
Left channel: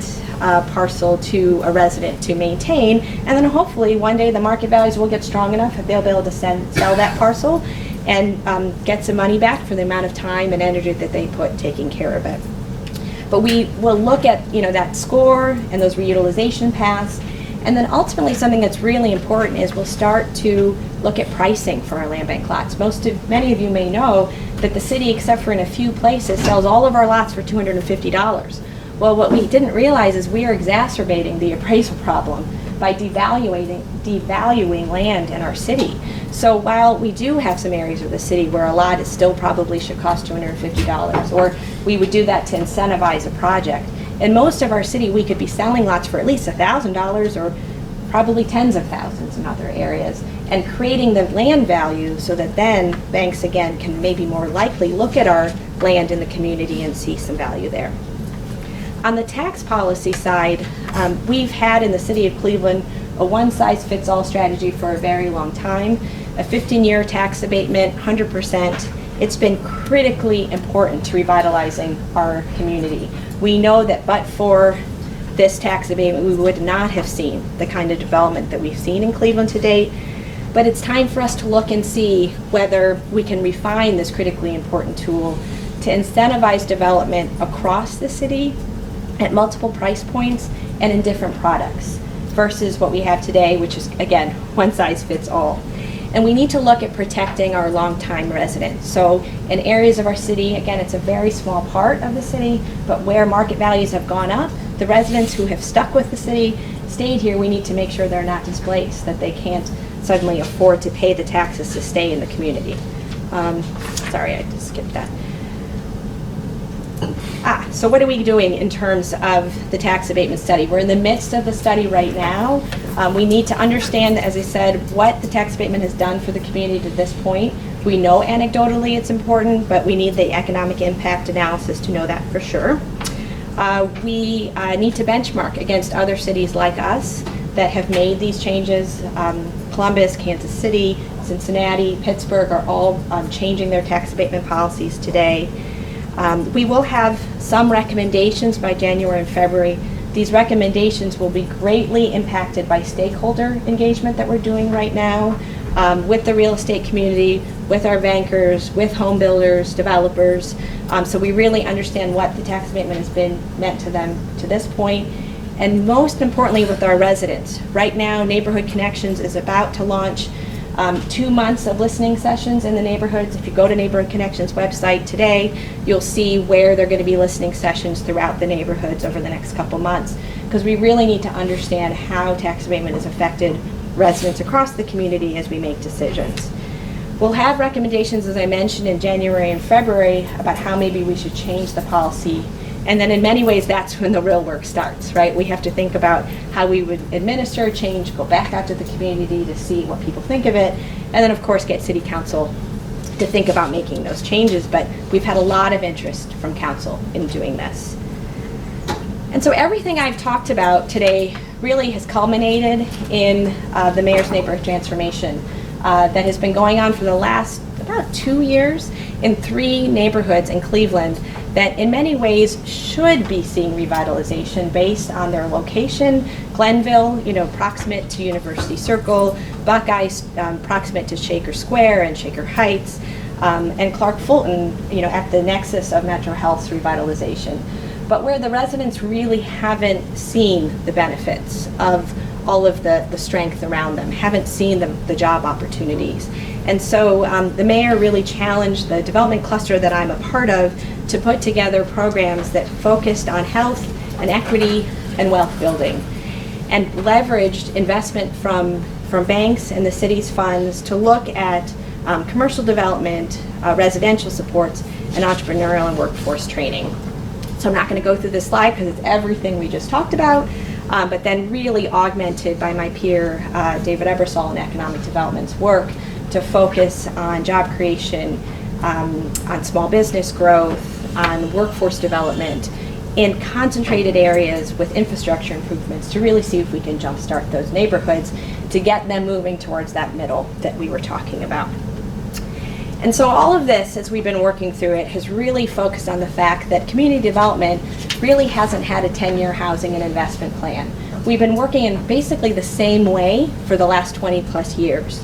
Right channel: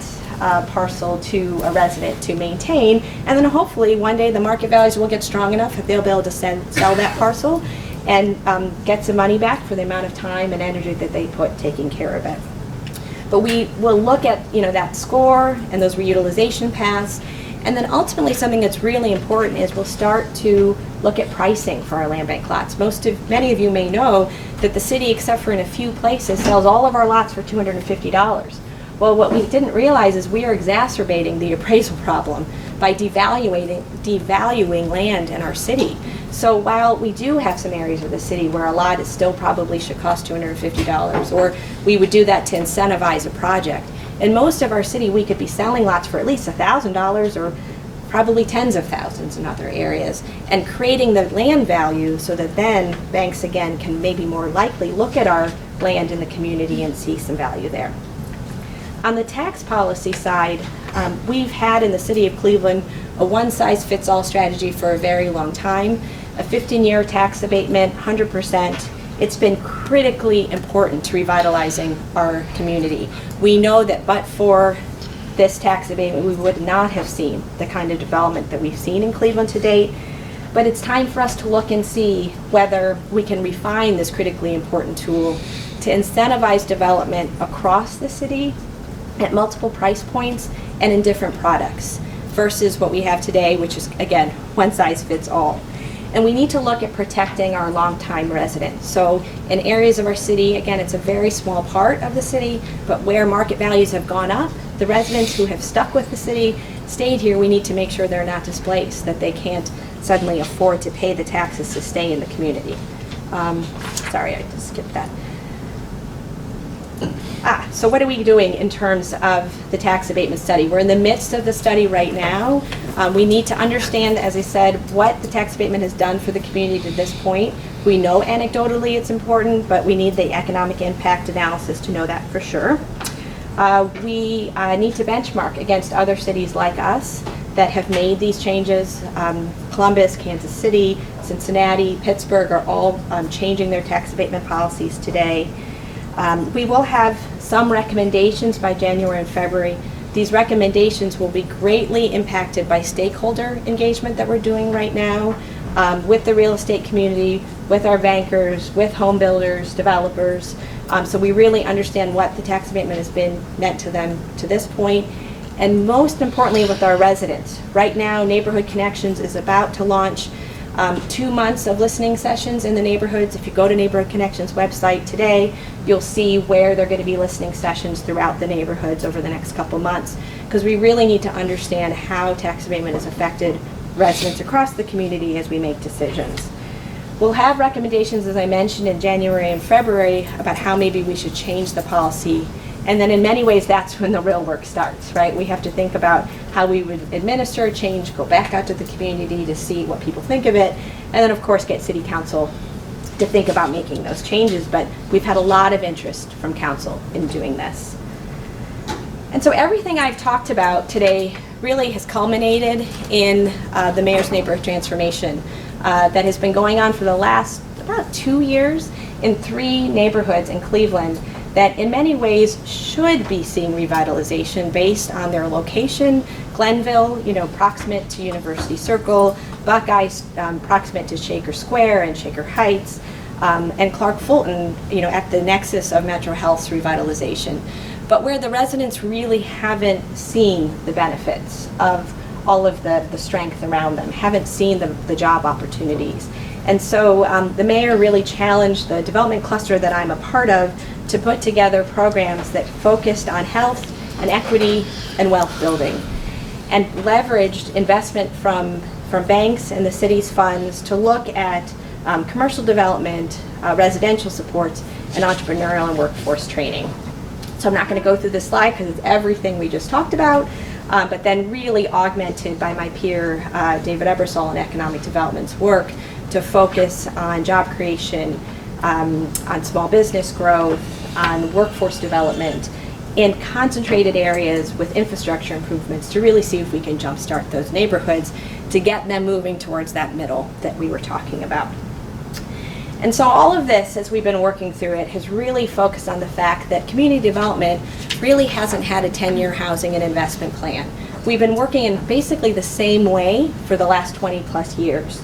parcel to a resident to maintain, and then hopefully one day the market values will get strong enough that they'll be able to sell that parcel and get some money back for the amount of time and energy that they put taking care of it. But we will look at that score and those reutilization paths, and then ultimately something that's really important is we'll start to look at pricing for our land bank lots. Many of you may know that the city, except for in a few places, sells all of our lots for $250. Well, what we didn't realize is we are exacerbating the appraisal problem by devaluing land in our city. So while we do have some areas of the city where a lot is still probably should cost $250, or we would do that to incentivize a project, in most of our city we could be selling lots for at least $1,000 or probably tens of thousands in other areas, and creating the land value so that then banks again can maybe more likely look at our land in the community and see some value there. On the tax policy side, we've had in the city of Cleveland a one-size-fits-all strategy for a very long time. A 15-year tax abatement, 100%. It's been critically important to revitalizing our community. We know that but for this tax abatement, we would not have seen the kind of development that we've seen in Cleveland to date. But it's time for us to look and see whether we can refine this critically important tool to incentivize development across the city at multiple price points and in different products versus what we have today, which is, again, one size fits all. And we need to look at protecting our longtime residents. So in areas of our city, again, it's a very small part of the city, but where market values have gone up, the residents who have stuck with the city, stayed here, we need to make sure they're not displaced, that they can't suddenly afford to pay the taxes to stay in the community. Sorry, I just skipped that. So what are we doing in terms of the tax abatement study? We're in the midst of the study right now. We need to understand, as I said, what the tax abatement has done for the community to this point. We know anecdotally it's important, but we need the economic impact analysis to know that for sure. We need to benchmark against other cities like us that have made these changes. Columbus, Kansas City, Cincinnati, Pittsburgh are all changing their tax abatement policies today. We will have some recommendations by January and February. These recommendations will be greatly impacted by stakeholder engagement that we're doing right now with the real estate community, with our bankers, with home builders, developers. So we really understand what the tax abatement has been meant to them to this point. And most importantly, with our residents. Right now, Neighborhood Connections is about to launch 2 months of listening sessions in the neighborhoods. If you go to Neighborhood Connections website today, you'll see where they're going to be listening sessions throughout the neighborhoods over the next couple months, because we really need to understand how tax abatement has affected residents across the community as we make decisions. We'll have recommendations, as I mentioned, in January and February about how maybe we should change the policy. And then in many ways, that's when the real work starts, right? We have to think about how we would administer a change, go back out to the community to see what people think of it, and then of course get City Council to think about making those changes. But we've had a lot of interest from Council in doing this. And so everything I've talked about today really has culminated in the Mayor's Neighborhood Transformation that has been going on for the last about 2 years in 3 neighborhoods in Cleveland that in many ways should be seeing revitalization based on their location. Glenville, proximate to University Circle, Buckeye, proximate to Shaker Square and Shaker Heights, and Clark Fulton, at the nexus of Metro Health's revitalization. But where the residents really haven't seen the benefits of all of the strength around them, haven't seen the job opportunities. And so the mayor really challenged the development cluster that I'm a part of to put together programs that focused on health and equity and wealth building, and leveraged investment from banks and the city's funds to look at commercial development, residential supports, and entrepreneurial and workforce training. So I'm not going to go through this slide because it's everything we just talked about, but then really augmented by my peer, David Ebersol, in Economic Development's work to focus on job creation, on small business growth, on workforce development in concentrated areas with infrastructure improvements to really see if we can jumpstart those neighborhoods to get them moving towards that middle that we were talking about. And so all of this, as we've been working through it, has really focused on the fact that community development really hasn't had a 10-year housing and investment plan. We've been working in basically the same way for the last 20 plus years.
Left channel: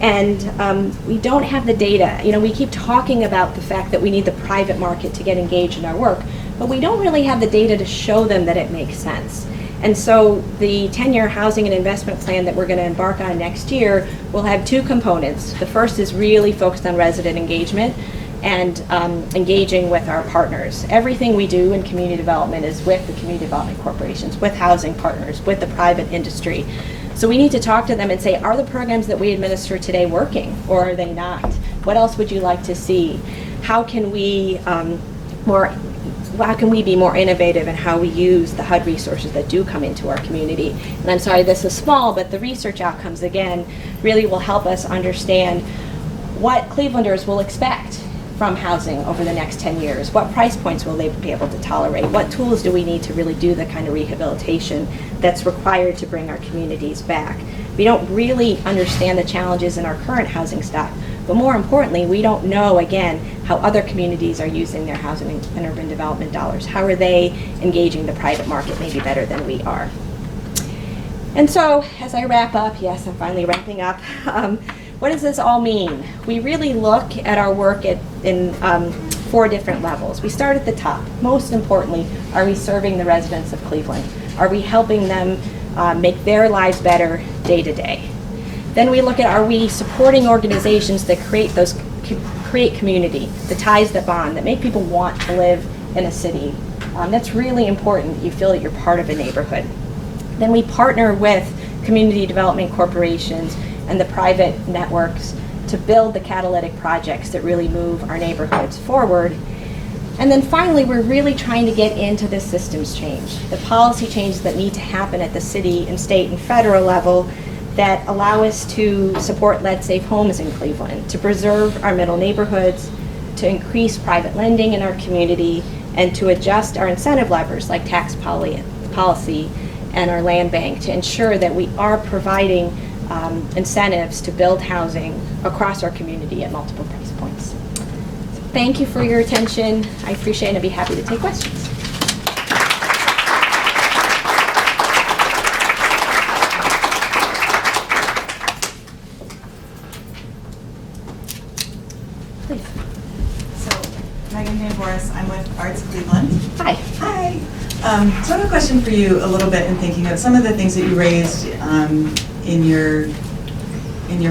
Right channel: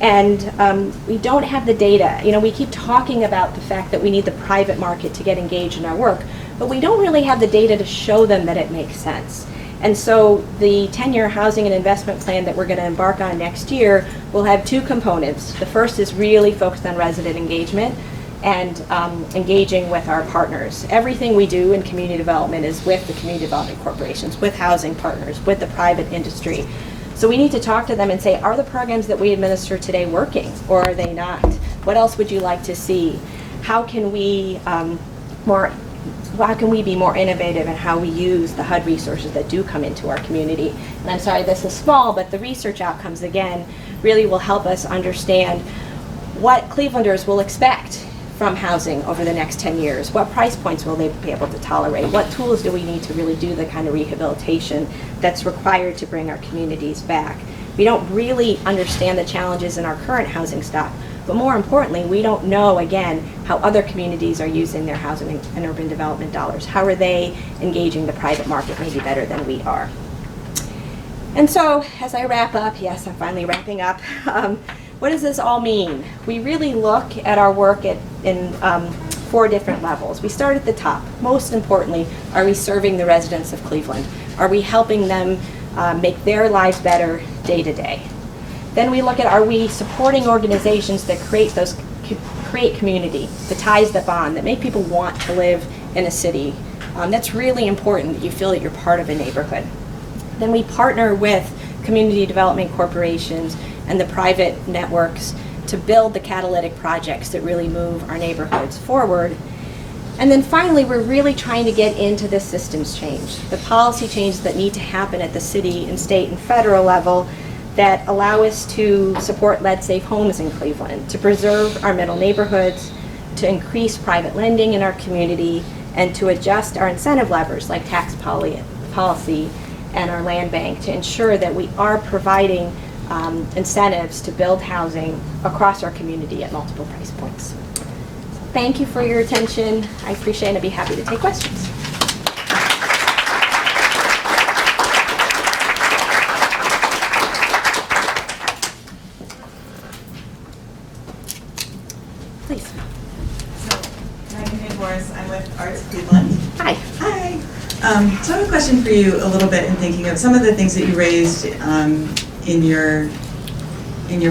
And we don't have the data. We keep talking about the fact that we need the private market to get engaged in our work, but we don't really have the data to show them that it makes sense. And so the 10-year housing and investment plan that we're going to embark on next year will have 2 components. The first is really focused on resident engagement and engaging with our partners. Everything we do in community development is with the community development corporations, with housing partners, with the private industry. So we need to talk to them and say, are the programs that we administer today working, or are they not? What else would you like to see? How can we be more innovative in how we use the HUD resources that do come into our community? And I'm sorry this is small, but the research outcomes, again, really will help us understand what Clevelanders will expect from housing over the next 10 years. What price points will they be able to tolerate? What tools do we need to really do the kind of rehabilitation that's required to bring our communities back? We don't really understand the challenges in our current housing stock, but more importantly, we don't know, again, how other communities are using their housing and urban development dollars. How are they engaging the private market maybe better than we are? And so, as I wrap up, yes, I'm finally wrapping up, what does this all mean? We really look at our work in 4 different levels. We start at the top. Most importantly, are we serving the residents of Cleveland? Are we helping them make their lives better day to day? Then we look at, are we supporting organizations that create community, the ties that bond, that make people want to live in a city? That's really important. You feel that you're part of a neighborhood. Then we partner with community development corporations and the private networks to build the catalytic projects that really move our neighborhoods forward. And then finally, we're really trying to get into the systems change, the policy changes that need to happen at the city and state and federal level that allow us to support lead-safe homes in Cleveland, to preserve our middle neighborhoods, to increase private lending in our community, and to adjust our incentive levers like tax policy and our land bank to ensure that we are providing incentives to build housing across our community at multiple price points. So thank you for your attention. I appreciate it and I'd be happy to take questions. Please. I'm with Arts Cleveland. Hi. Hi. So I have a question for you a little bit in thinking of some of the things that you raised in your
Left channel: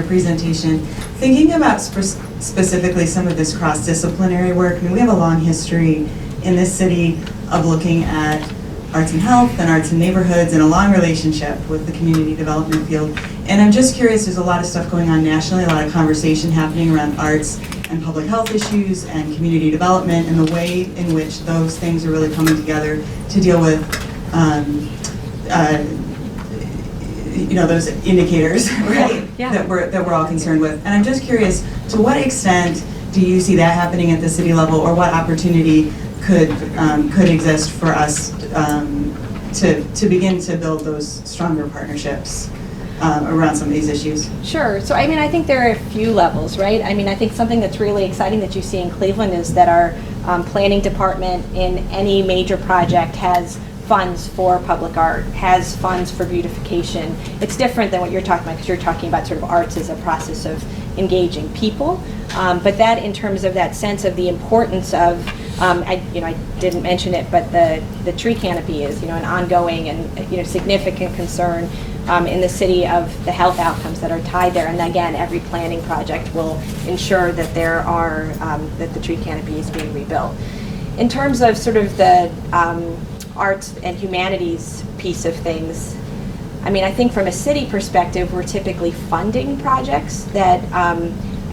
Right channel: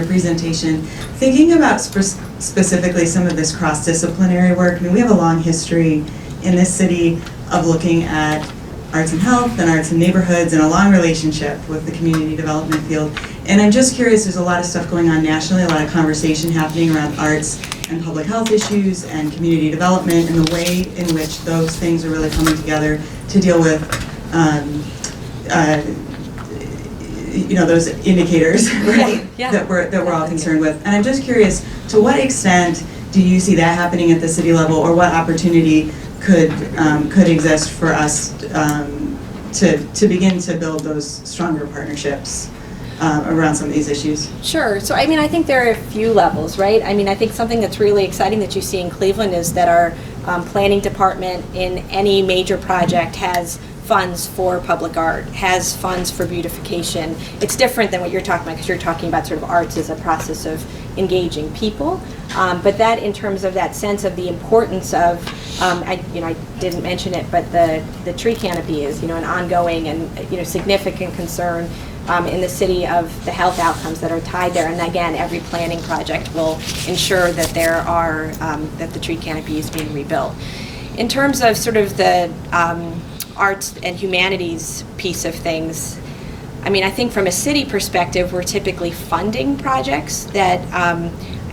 presentation. Thinking about specifically some of this cross-disciplinary work. I mean, we have a long history in this city of looking at arts and health and arts and neighborhoods and a long relationship with the community development field. And I'm just curious, there's a lot of stuff going on nationally, a lot of conversation happening around arts and public health issues and community development and the way in which those things are really coming together to deal with those indicators, right? Yeah. that we're all concerned with. And I'm just curious, to what extent do you see that happening at the city level, or what opportunity could exist for us to begin to build those stronger partnerships around some of these issues? Sure. So, I mean, I think there are a few levels, right? I mean, I think something that's really exciting that you see in Cleveland is that our planning department in any major project has funds for public art, has funds for beautification. It's different than what you're talking about, because you're talking about sort of arts as a process of engaging people. But that, in terms of that sense of the importance of, I didn't mention it, but the tree canopy is, an ongoing and, significant concern in the city of the health outcomes that are tied there. And again, every planning project will ensure that there are, that the tree canopy is being rebuilt. In terms of sort of the arts and humanities piece of things, I mean, I think from a city perspective, we're typically funding projects that,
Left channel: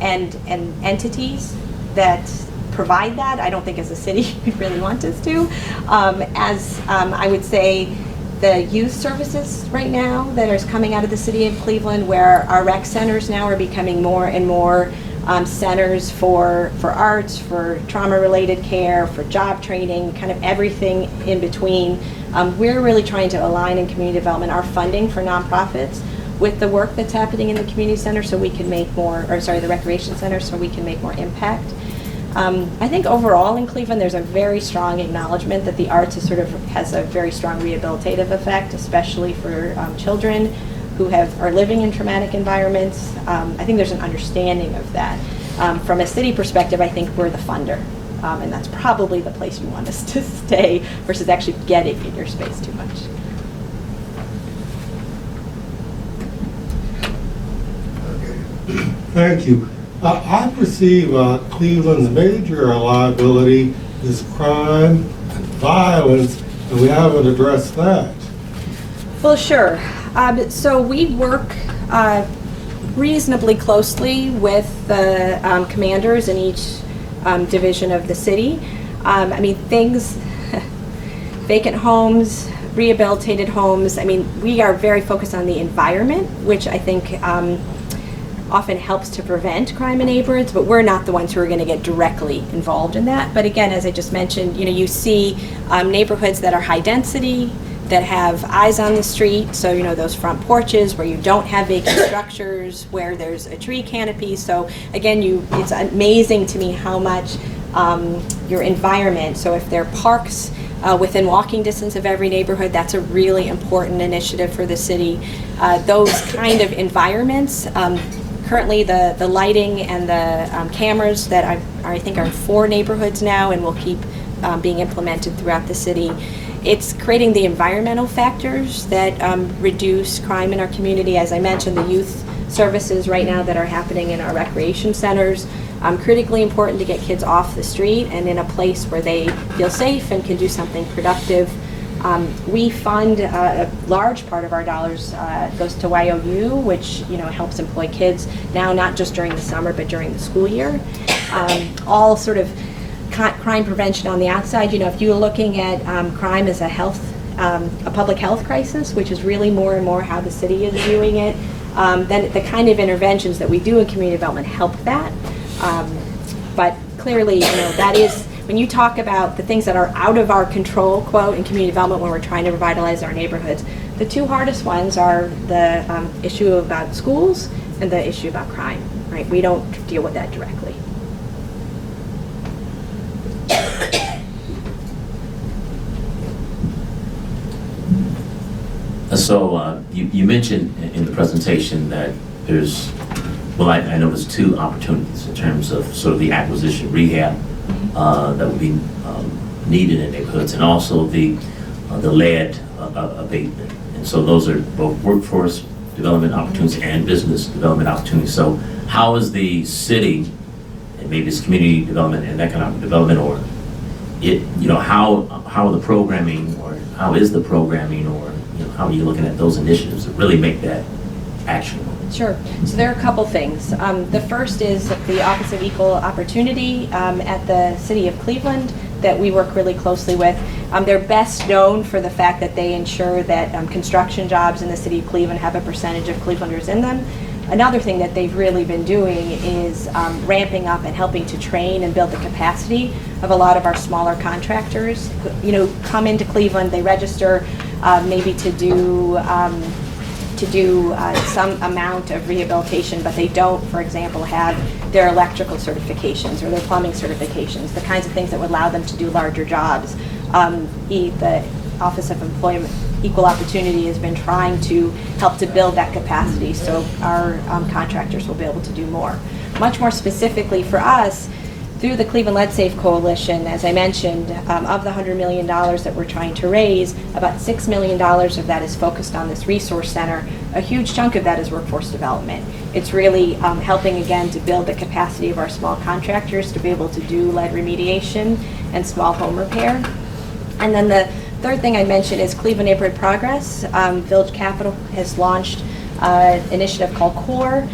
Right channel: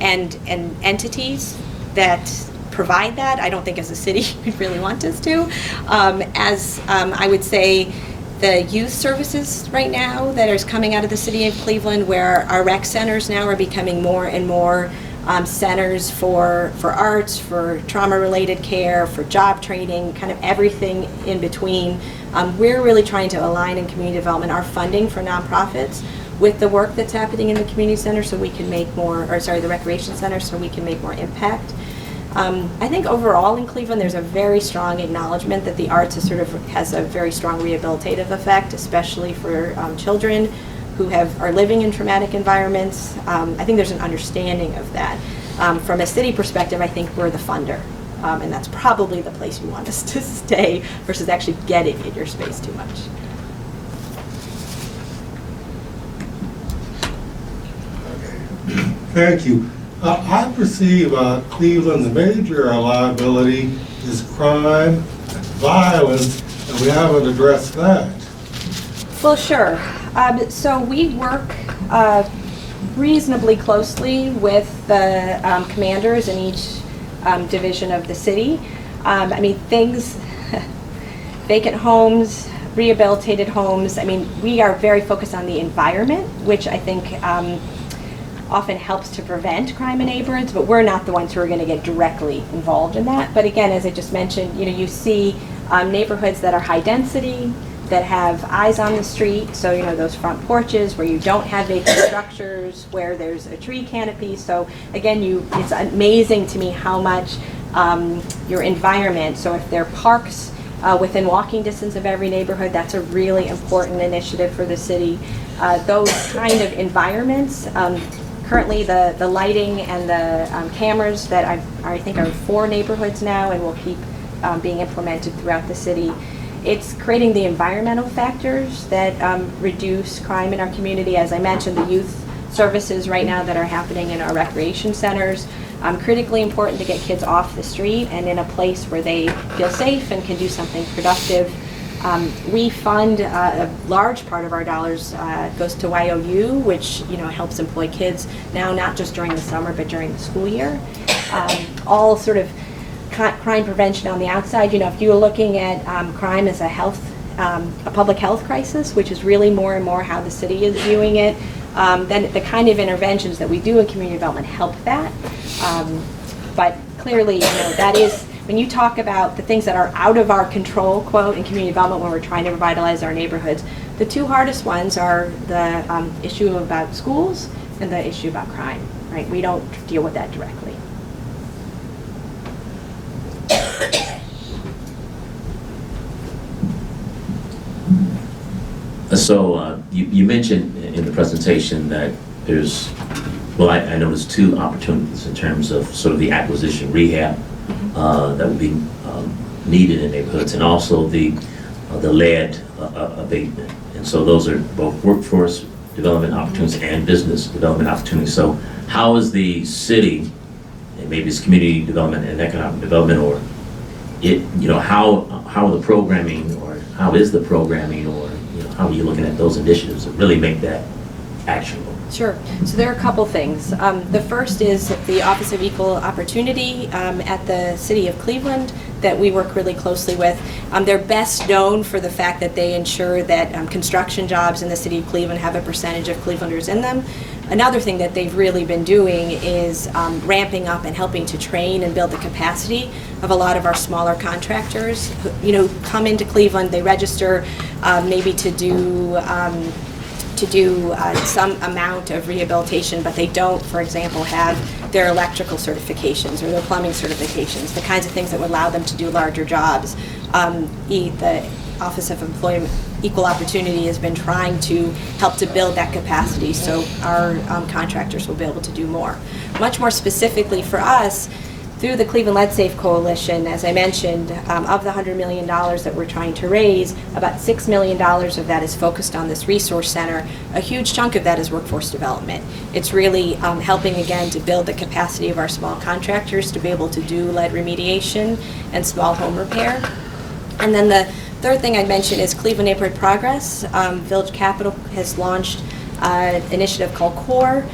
and entities that provide that. I don't think as a city we'd really want us to. I would say the youth services right now that is coming out of the city of Cleveland, where our rec centers now are becoming more and more centers for arts, for trauma-related care, for job training, kind of everything in between. We're really trying to align in community development our funding for nonprofits with the work that's happening in the community center, so we can make more, the recreation center, so we can make more impact. I think overall in Cleveland, there's a very strong acknowledgement that the arts has a very strong rehabilitative effect, especially for children who are living in traumatic environments. I think there's an understanding of that. From a city perspective, I think we're the funder, and that's probably the place you want us to stay versus actually getting in your space too much. Thank you. I perceive Cleveland's major liability is crime and violence, and we haven't addressed that. Well, sure. So we work reasonably closely with the commanders in each division of the city. I mean, things, vacant homes, rehabilitated homes. I mean, we are very focused on the environment, which I think often helps to prevent crime in neighborhoods, but we're not the ones who are going to get directly involved in that. But again, as I just mentioned, you see neighborhoods that are high density, that have eyes on the street, so those front porches where you don't have vacant structures, where there's a tree canopy. So again, it's amazing to me how much your environment, so if there are parks within walking distance of every neighborhood, that's a really important initiative for the city. Those kind of environments, currently the lighting and the cameras that I think are in 4 neighborhoods now and will keep being implemented throughout the city. It's creating the environmental factors that reduce crime in our community. As I mentioned, the youth services right now that are happening in our recreation centers, critically important to get kids off the street and in a place where they feel safe and can do something productive. We fund a large part of our dollars goes to YOU, which helps employ kids now, not just during the summer but during the school year. All sort of crime prevention on the outside. If you're looking at crime as a public health crisis, which is really more and more how the city is viewing it, then the kind of interventions that we do in community development help that. But clearly, that is when you talk about the things that are out of our control, quote, in community development when we're trying to revitalize our neighborhoods, the two hardest ones are the issue about schools and the issue about crime, right? We don't deal with that directly. So you mentioned in the presentation that there's, well, I know there's two opportunities in terms of sort of the acquisition rehab that would be needed in neighborhoods, and also the lead abatement. And so those are both workforce development opportunities and business development opportunities. So how is the city, and maybe it's community development and economic development, or it, how are the programming, or how is the programming, or how are you looking at those initiatives that really make that actionable? Sure. So there are a couple things. The first is the Office of Equal Opportunity at the City of Cleveland that we work really closely with. They're best known for the fact that they ensure that construction jobs in the City of Cleveland have a percentage of Clevelanders in them. Another thing that they've really been doing is ramping up and helping to train and build the capacity of a lot of our smaller contractors who, come into Cleveland, they register maybe to do some amount of rehabilitation, but they don't, for example, have their electrical certifications or their plumbing certifications, the kinds of things that would allow them to do larger jobs. The Office of Employment Equal Opportunity has been trying to help to build that capacity so our contractors will be able to do more. Much more specifically for us, through the Cleveland Lead Safe Coalition, as I mentioned, of the $100 million that we're trying to raise, about $6 million of that is focused on this resource center. A huge chunk of that is workforce development. It's really helping, again, to build the capacity of our small contractors to be able to do lead remediation and small home repair. And then the third thing I mentioned is Cleveland Neighborhood Progress. Village Capital has launched an initiative called CORE,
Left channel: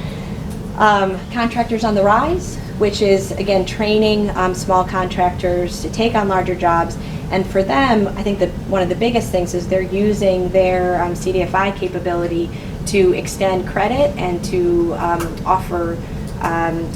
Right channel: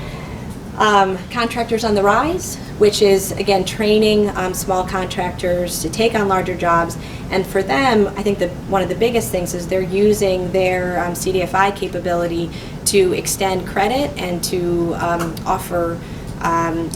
Contractors on the Rise, which is, again, training small contractors to take on larger jobs. And for them, I think that one of the biggest things is they're using their CDFI capability to extend credit and to offer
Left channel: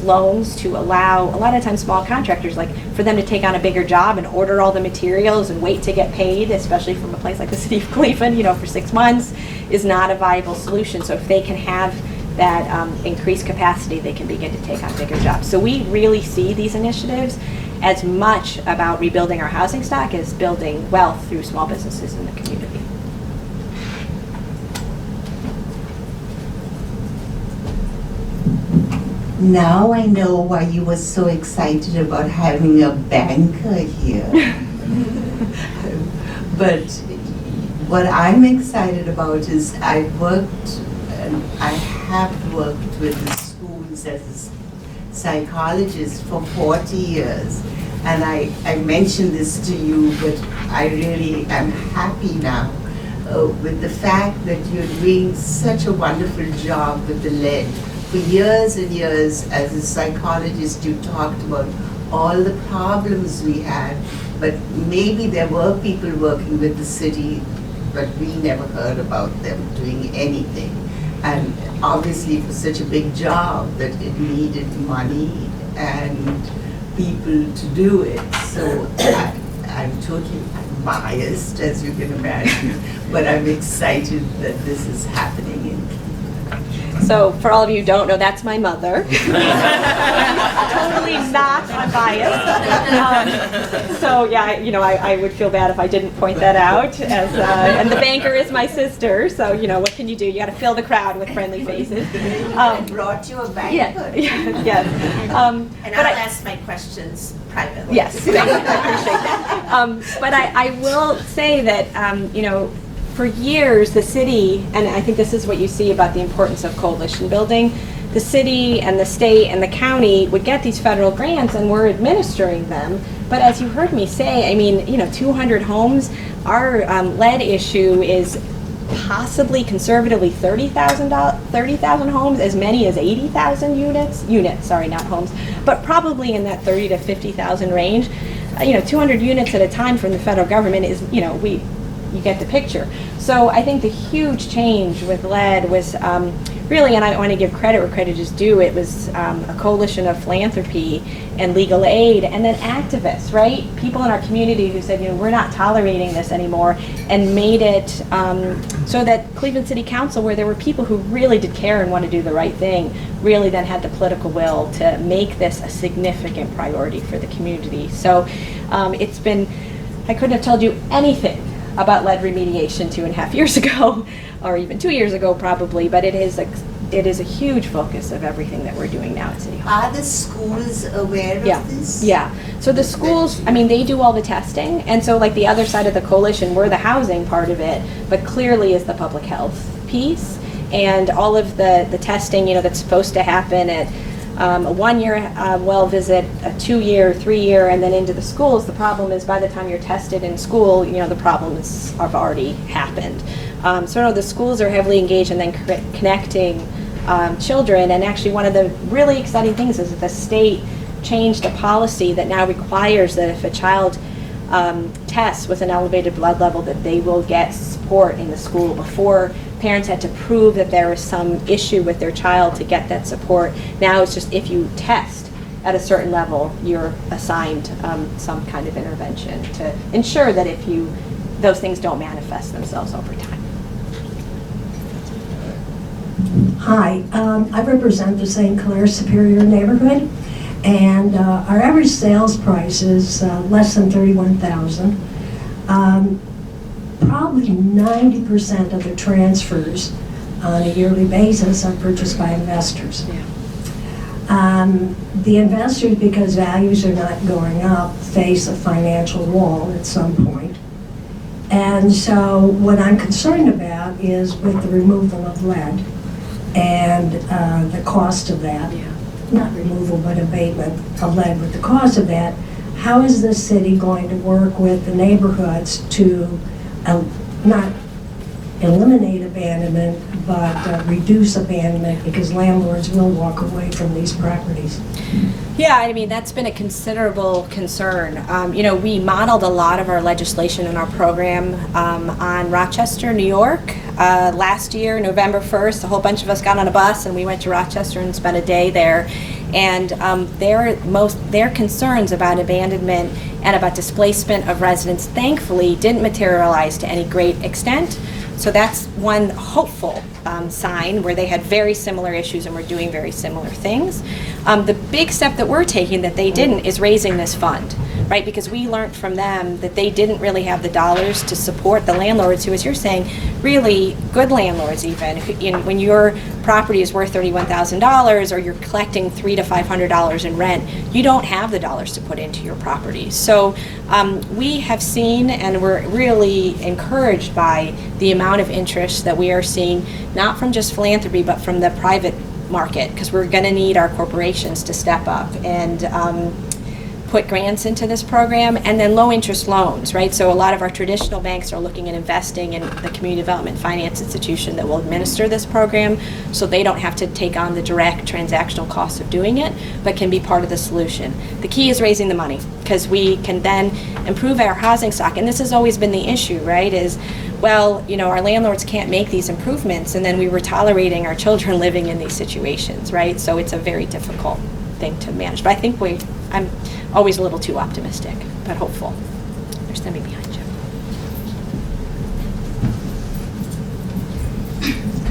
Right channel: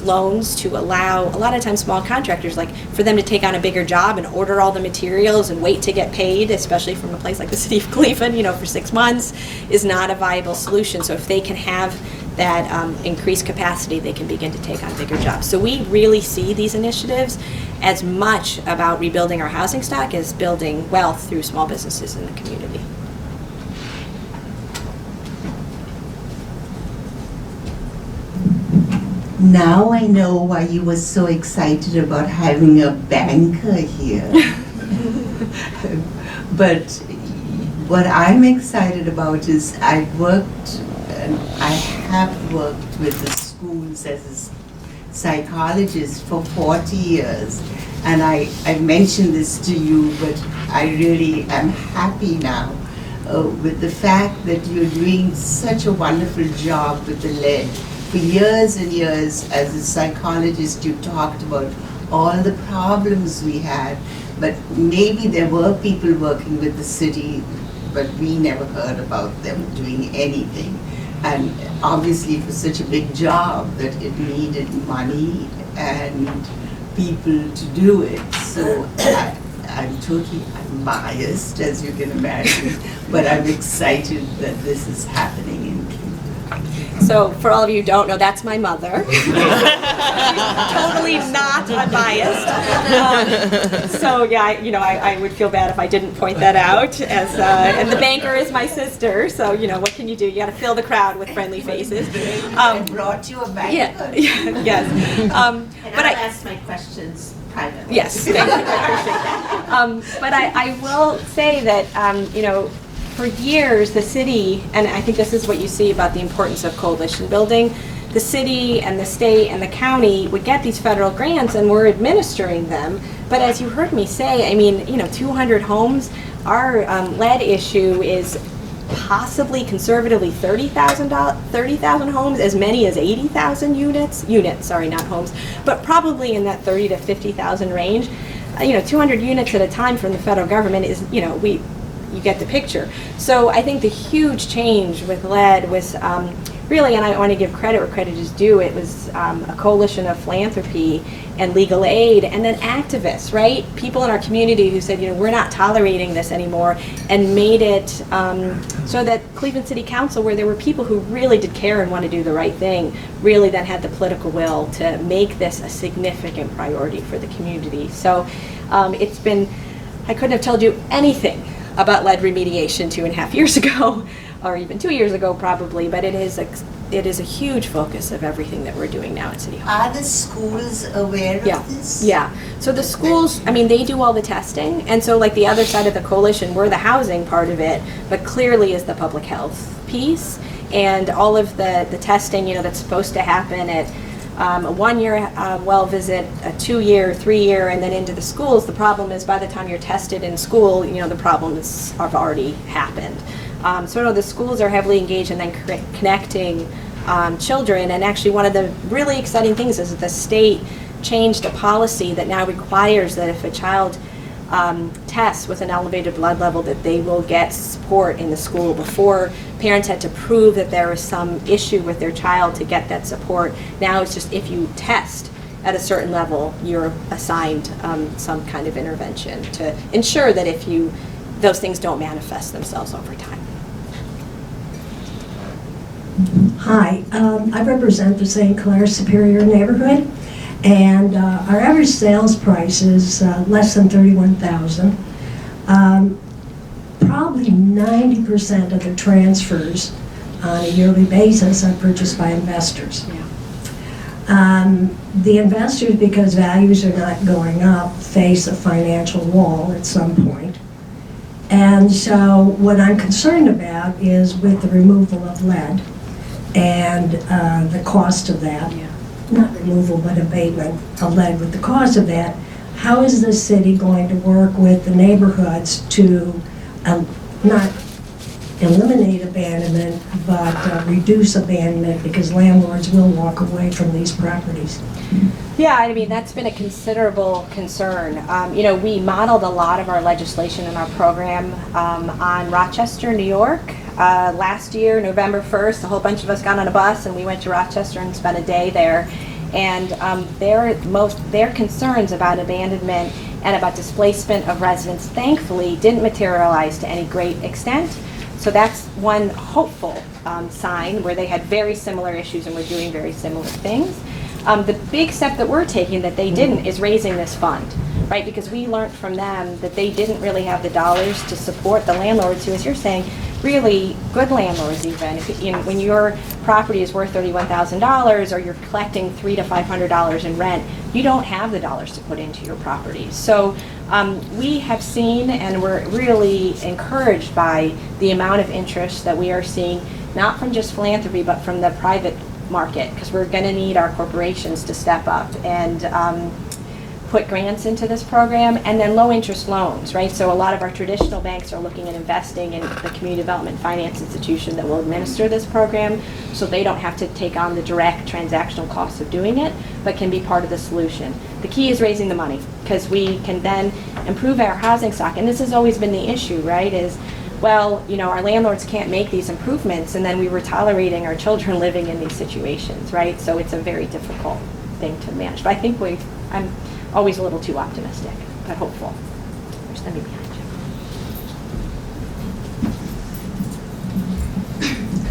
loans to allow, a lot of times, small contractors, like for them to take on a bigger job and order all the materials and wait to get paid, especially from a place like the City of Cleveland, for 6 months, is not a viable solution. So if they can have that increased capacity, they can begin to take on bigger jobs. So we really see these initiatives as much about rebuilding our housing stock as building wealth through small businesses in the community. Now I know why you were so excited about having a banker here. But what I'm excited about is I have worked with the schools as a psychologist for 40 years. And I mentioned this to you, but I really am happy now with the fact that you're doing such a wonderful job with the lead. For years and years, as a psychologist, you talked about all the problems we had, but maybe there were people working with the city, but we never heard about them doing anything. And obviously for such a big job that it needed money and people to do it. So I'm biased, as you can imagine, but I'm excited that this is happening in Cleveland. So for all of you who don't know, that's my mother. Totally not unbiased. So yeah, I would feel bad if I didn't point that out. And the banker is my sister. So what can you do? You got to fill the crowd with friendly faces. I brought you a banker. Yes. And I'll ask my questions privately. Yes, thank you. I appreciate that. But I will say that for years, the city, and I think this is what you see about the importance of coalition building, the city and the state and the county would get these federal grants and we're administering them. But as you heard me say, 200 homes, our lead issue is possibly conservatively 30,000 homes, as many as 80,000 units, sorry, not homes, but probably in that 30 to 50,000 range. 200 units at a time from the federal government is, you get the picture. So I think the huge change with lead was really, and I want to give credit where credit is due, it was a coalition of philanthropy and legal aid, and then activists, right? People in our community who said, we're not tolerating this anymore, and made it so that Cleveland City Council, where there were people who really did care and want to do the right thing, really then had the political will to make this a significant priority for the community. So it's been, I couldn't have told you anything about lead remediation 2.5 years ago, or even 2 years ago probably, but it is a huge focus of everything that we're doing now at City Hall. Are the schools aware of this? Yeah. So the schools, they do all the testing, and so like the other side of the coalition, we're the housing part of it, but clearly is the public health piece, and all of the testing, that's supposed to happen at a 1-year well visit, a 2-year, 3-year, and then into the schools. The problem is by the time you're tested in school, the problems have already happened. So the schools are heavily engaged in then connecting children, and actually one of the really exciting things is that the state changed a policy that now requires that if a child tests with an elevated blood level, that they will get support in the school. Before, parents had to prove that there was some issue with their child to get that support. Now it's just if you test at a certain level, you're assigned some kind of intervention to ensure that those things don't manifest themselves over time. Hi, I represent the St. Clair Superior neighborhood, and our average sales price is less than $31,000. Probably 90% of the transfers on a yearly basis are purchased by investors. Yeah. The investors, because values are not going up, face a financial wall at some point. And so what I'm concerned about is with the removal of lead and the cost of that. Yeah. Not removal, but abatement of lead. With the cost of that, how is the city going to work with the neighborhoods to not eliminate abandonment, but reduce abandonment, because landlords will walk away from these properties? Yeah, that's been a considerable concern. We modeled a lot of our legislation and our program on Rochester, New York. Last year, November 1st, a whole bunch of us got on a bus and we went to Rochester and spent a day there. And their concerns about abandonment and about displacement of residents, thankfully, didn't materialize to any great extent. So that's one hopeful sign, where they had very similar issues and were doing very similar things. The big step that we're taking that they didn't is raising this fund, right? Because we learned from them that they didn't really have the dollars to support the landlords who, as you're saying, really good landlords even, when your property is worth $31,000 or you're collecting $300 to $500 in rent, you don't have the dollars to put into your property. So we have seen, and we're really encouraged by the amount of interest that we are seeing, not from just philanthropy, but from the private market, because we're going to need our corporations to step up and put grants into this program, and then low interest loans, right? So a lot of our traditional banks are looking at investing in the community development finance institution that will administer this program, so they don't have to take on the direct transactional costs of doing it, but can be part of the solution. The key is raising the money, because we can then improve our housing stock, and this has always been the issue, right? Our landlords can't make these improvements, and then we were tolerating our children living in these situations, right? So it's a very difficult thing to manage. But I think I'm always a little too optimistic, but hopeful. There's somebody behind you.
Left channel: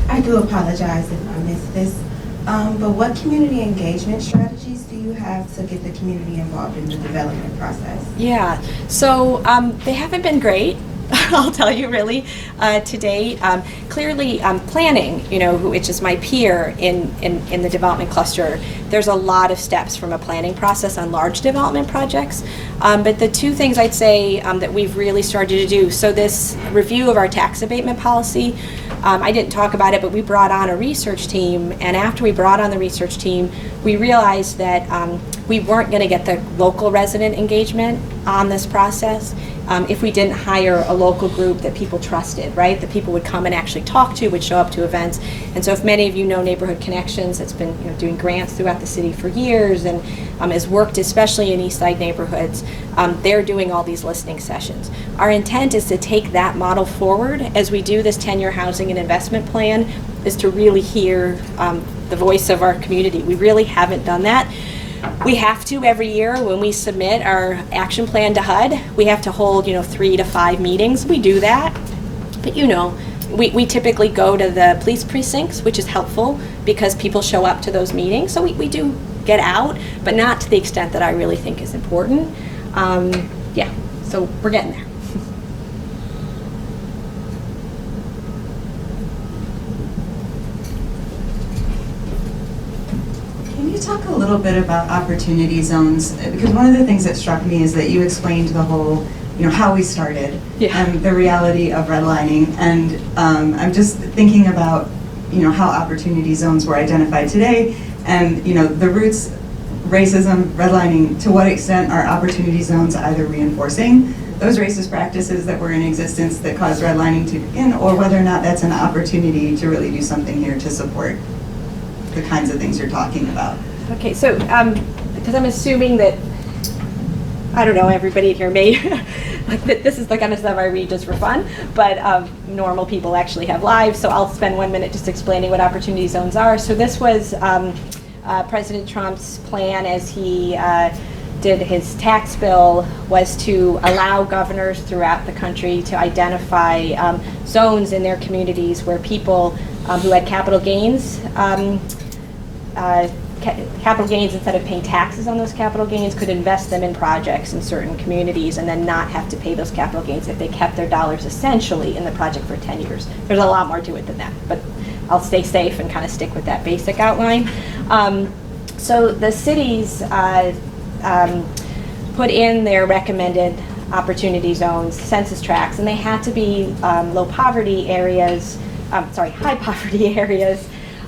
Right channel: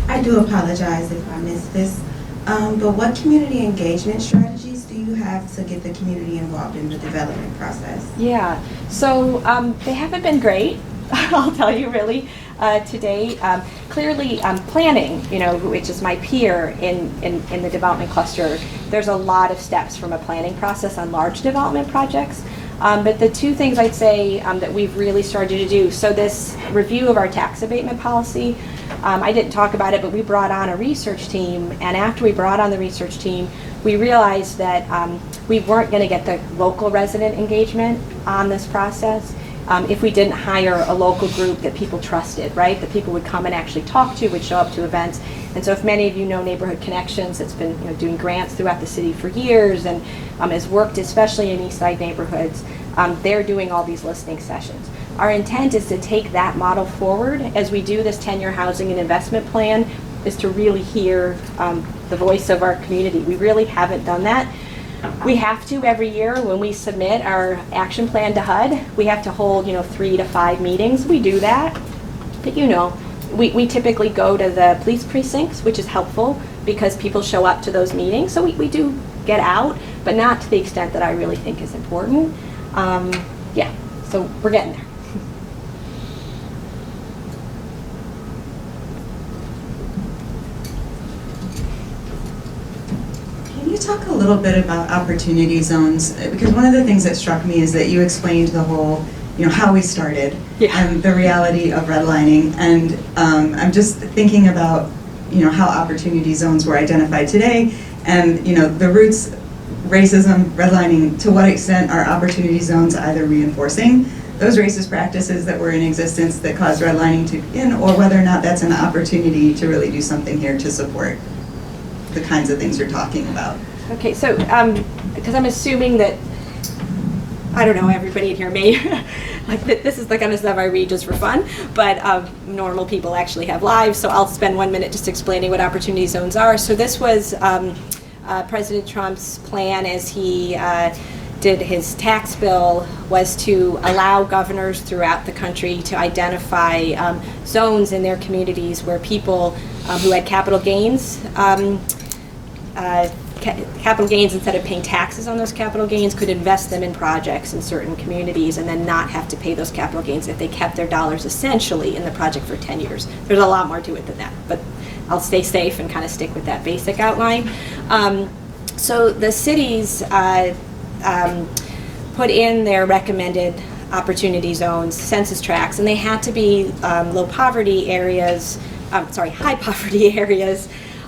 I do apologize if I missed this, but what community engagement strategies do you have to get the community involved in the development process? Yeah, so they haven't been great. I'll tell you really to date. Clearly planning, which is my peer in the development cluster, there's a lot of steps from a planning process on large development projects. But the two things I'd say that we've really started to do, so this review of our tax abatement policy, I didn't talk about it, but we brought on a research team, and after we brought on the research team, we realized that we weren't going to get the local resident engagement on this process if we didn't hire a local group that people trusted, right? That people would come and actually talk to, would show up to events. And so if many of you know Neighborhood Connections, that's been doing grants throughout the city for years and has worked especially in East Side neighborhoods, they're doing all these listening sessions. Our intent is to take that model forward as we do this 10-year housing and investment plan is to really hear the voice of our community. We really haven't done that. We have to every year when we submit our action plan to HUD. We have to hold 3 to 5 meetings. We do that, but we typically go to the police precincts, which is helpful because people show up to those meetings. So we do get out, but not to the extent that I really think is important. Yeah, so we're getting there. Can you talk a little bit about opportunity zones? Because one of the things that struck me is that you explained the whole, how we started and the reality of redlining. And I'm just thinking about, how opportunity zones were identified today and, the roots, racism, redlining, to what extent are opportunity zones either reinforcing those racist practices that were in existence that caused redlining to begin, or whether or not that's an opportunity to really do something here to support the kinds of things you're talking about. Okay, so because I'm assuming that, I don't know, everybody here may, like this is the kind of stuff I read just for fun, but normal people actually have lives, so I'll spend 1 minute just explaining what opportunity zones are. So this was President Trump's plan as he did his tax bill, was to allow governors throughout the country to identify zones in their communities where people who had capital gains, instead of paying taxes on those capital gains, could invest them in projects in certain communities and then not have to pay those capital gains if they kept their dollars essentially in the project for 10 years. There's a lot more to it than that, but I'll stay safe and kind of stick with that basic outline. So the cities put in their recommended opportunity zones, census tracts, and they had to be high poverty areas.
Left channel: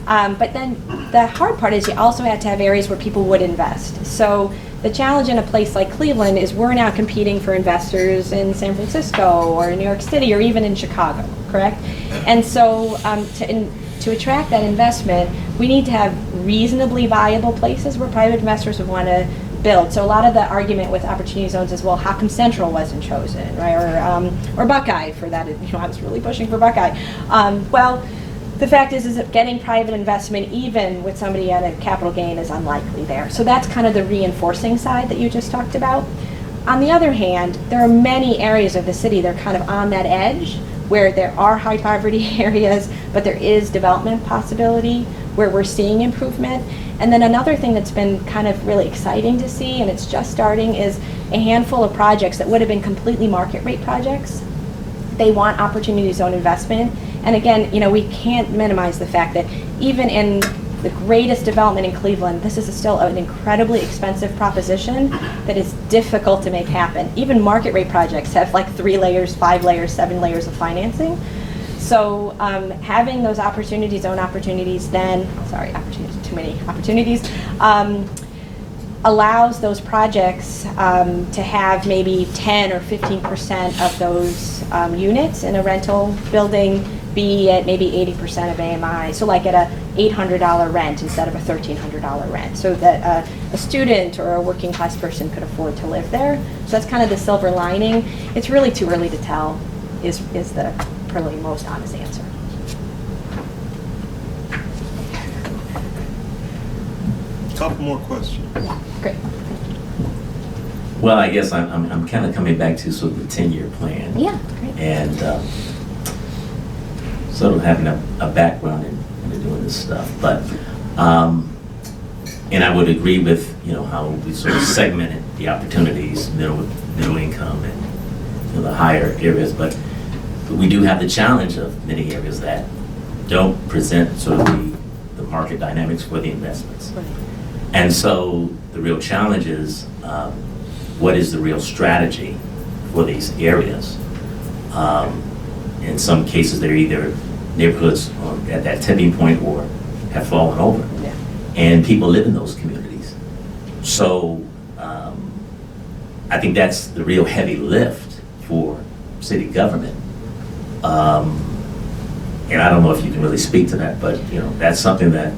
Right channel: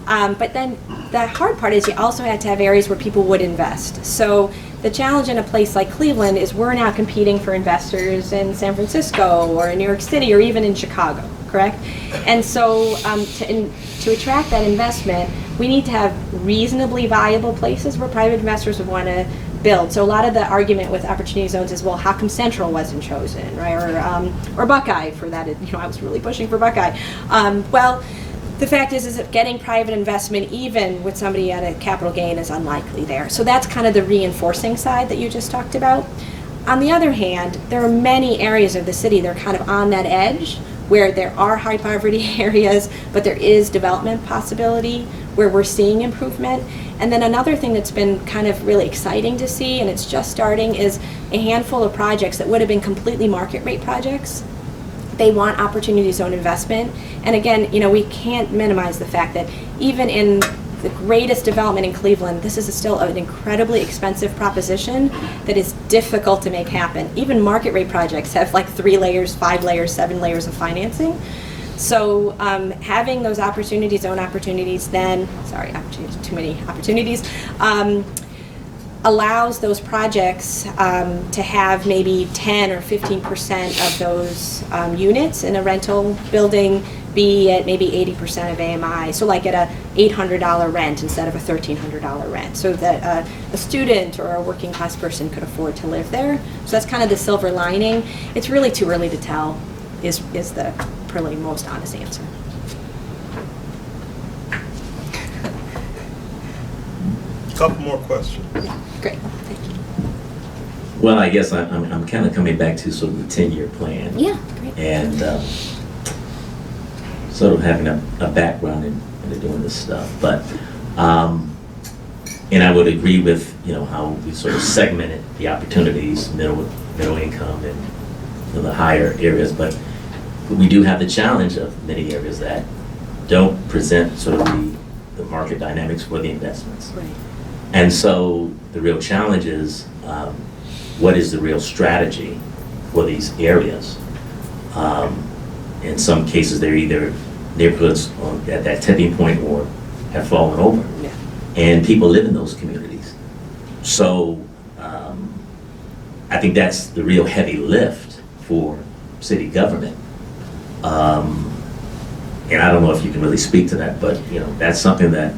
But then the hard part is you also had to have areas where people would invest. So the challenge in a place like Cleveland is we're now competing for investors in San Francisco or in New York City or even in Chicago, correct? And so to attract that investment, we need to have reasonably viable places where private investors would want to build. So a lot of the argument with opportunity zones is, well, how come Central wasn't chosen, right? Or Buckeye for that. I was really pushing for Buckeye. Well, the fact is that getting private investment, even with somebody at a capital gain, is unlikely there. So that's kind of the reinforcing side that you just talked about. On the other hand, there are many areas of the city that are kind of on that edge where there are high poverty areas, but there is development possibility where we're seeing improvement. And then another thing that's been kind of really exciting to see, and it's just starting, is a handful of projects that would have been completely market rate projects. They want opportunity zone investment. And again, we can't minimize the fact that even in the greatest development in Cleveland, this is still an incredibly expensive proposition that is difficult to make happen. Even market rate projects have like 3 layers, 5 layers, 7 layers of financing. So having those opportunity zone opportunities then, too many opportunities, allows those projects to have maybe 10 or 15% of those units in a rental building be at maybe 80% of AMI. So like at a $800 rent instead of a $1,300 rent, so that a student or a working class person could afford to live there. So that's kind of the silver lining. It's really too early to tell is the probably most honest answer. Couple more questions. Yeah, great. Thank you. Well, I guess I'm kind of coming back to sort of the 10-year plan. Yeah, great. And sort of having a background in doing this stuff. But, and I would agree with, how we sort of segmented the opportunities, middle income and the higher areas. But we do have the challenge of many areas that don't present sort of the market dynamics for the investments. Right. And so the real challenge is, what is the real strategy for these areas? In some cases, they're either neighborhoods at that tipping point or have fallen over. Yeah. And people live in those communities. So I think that's the real heavy lift for city government. And I don't know if you can really speak to that, but that's something that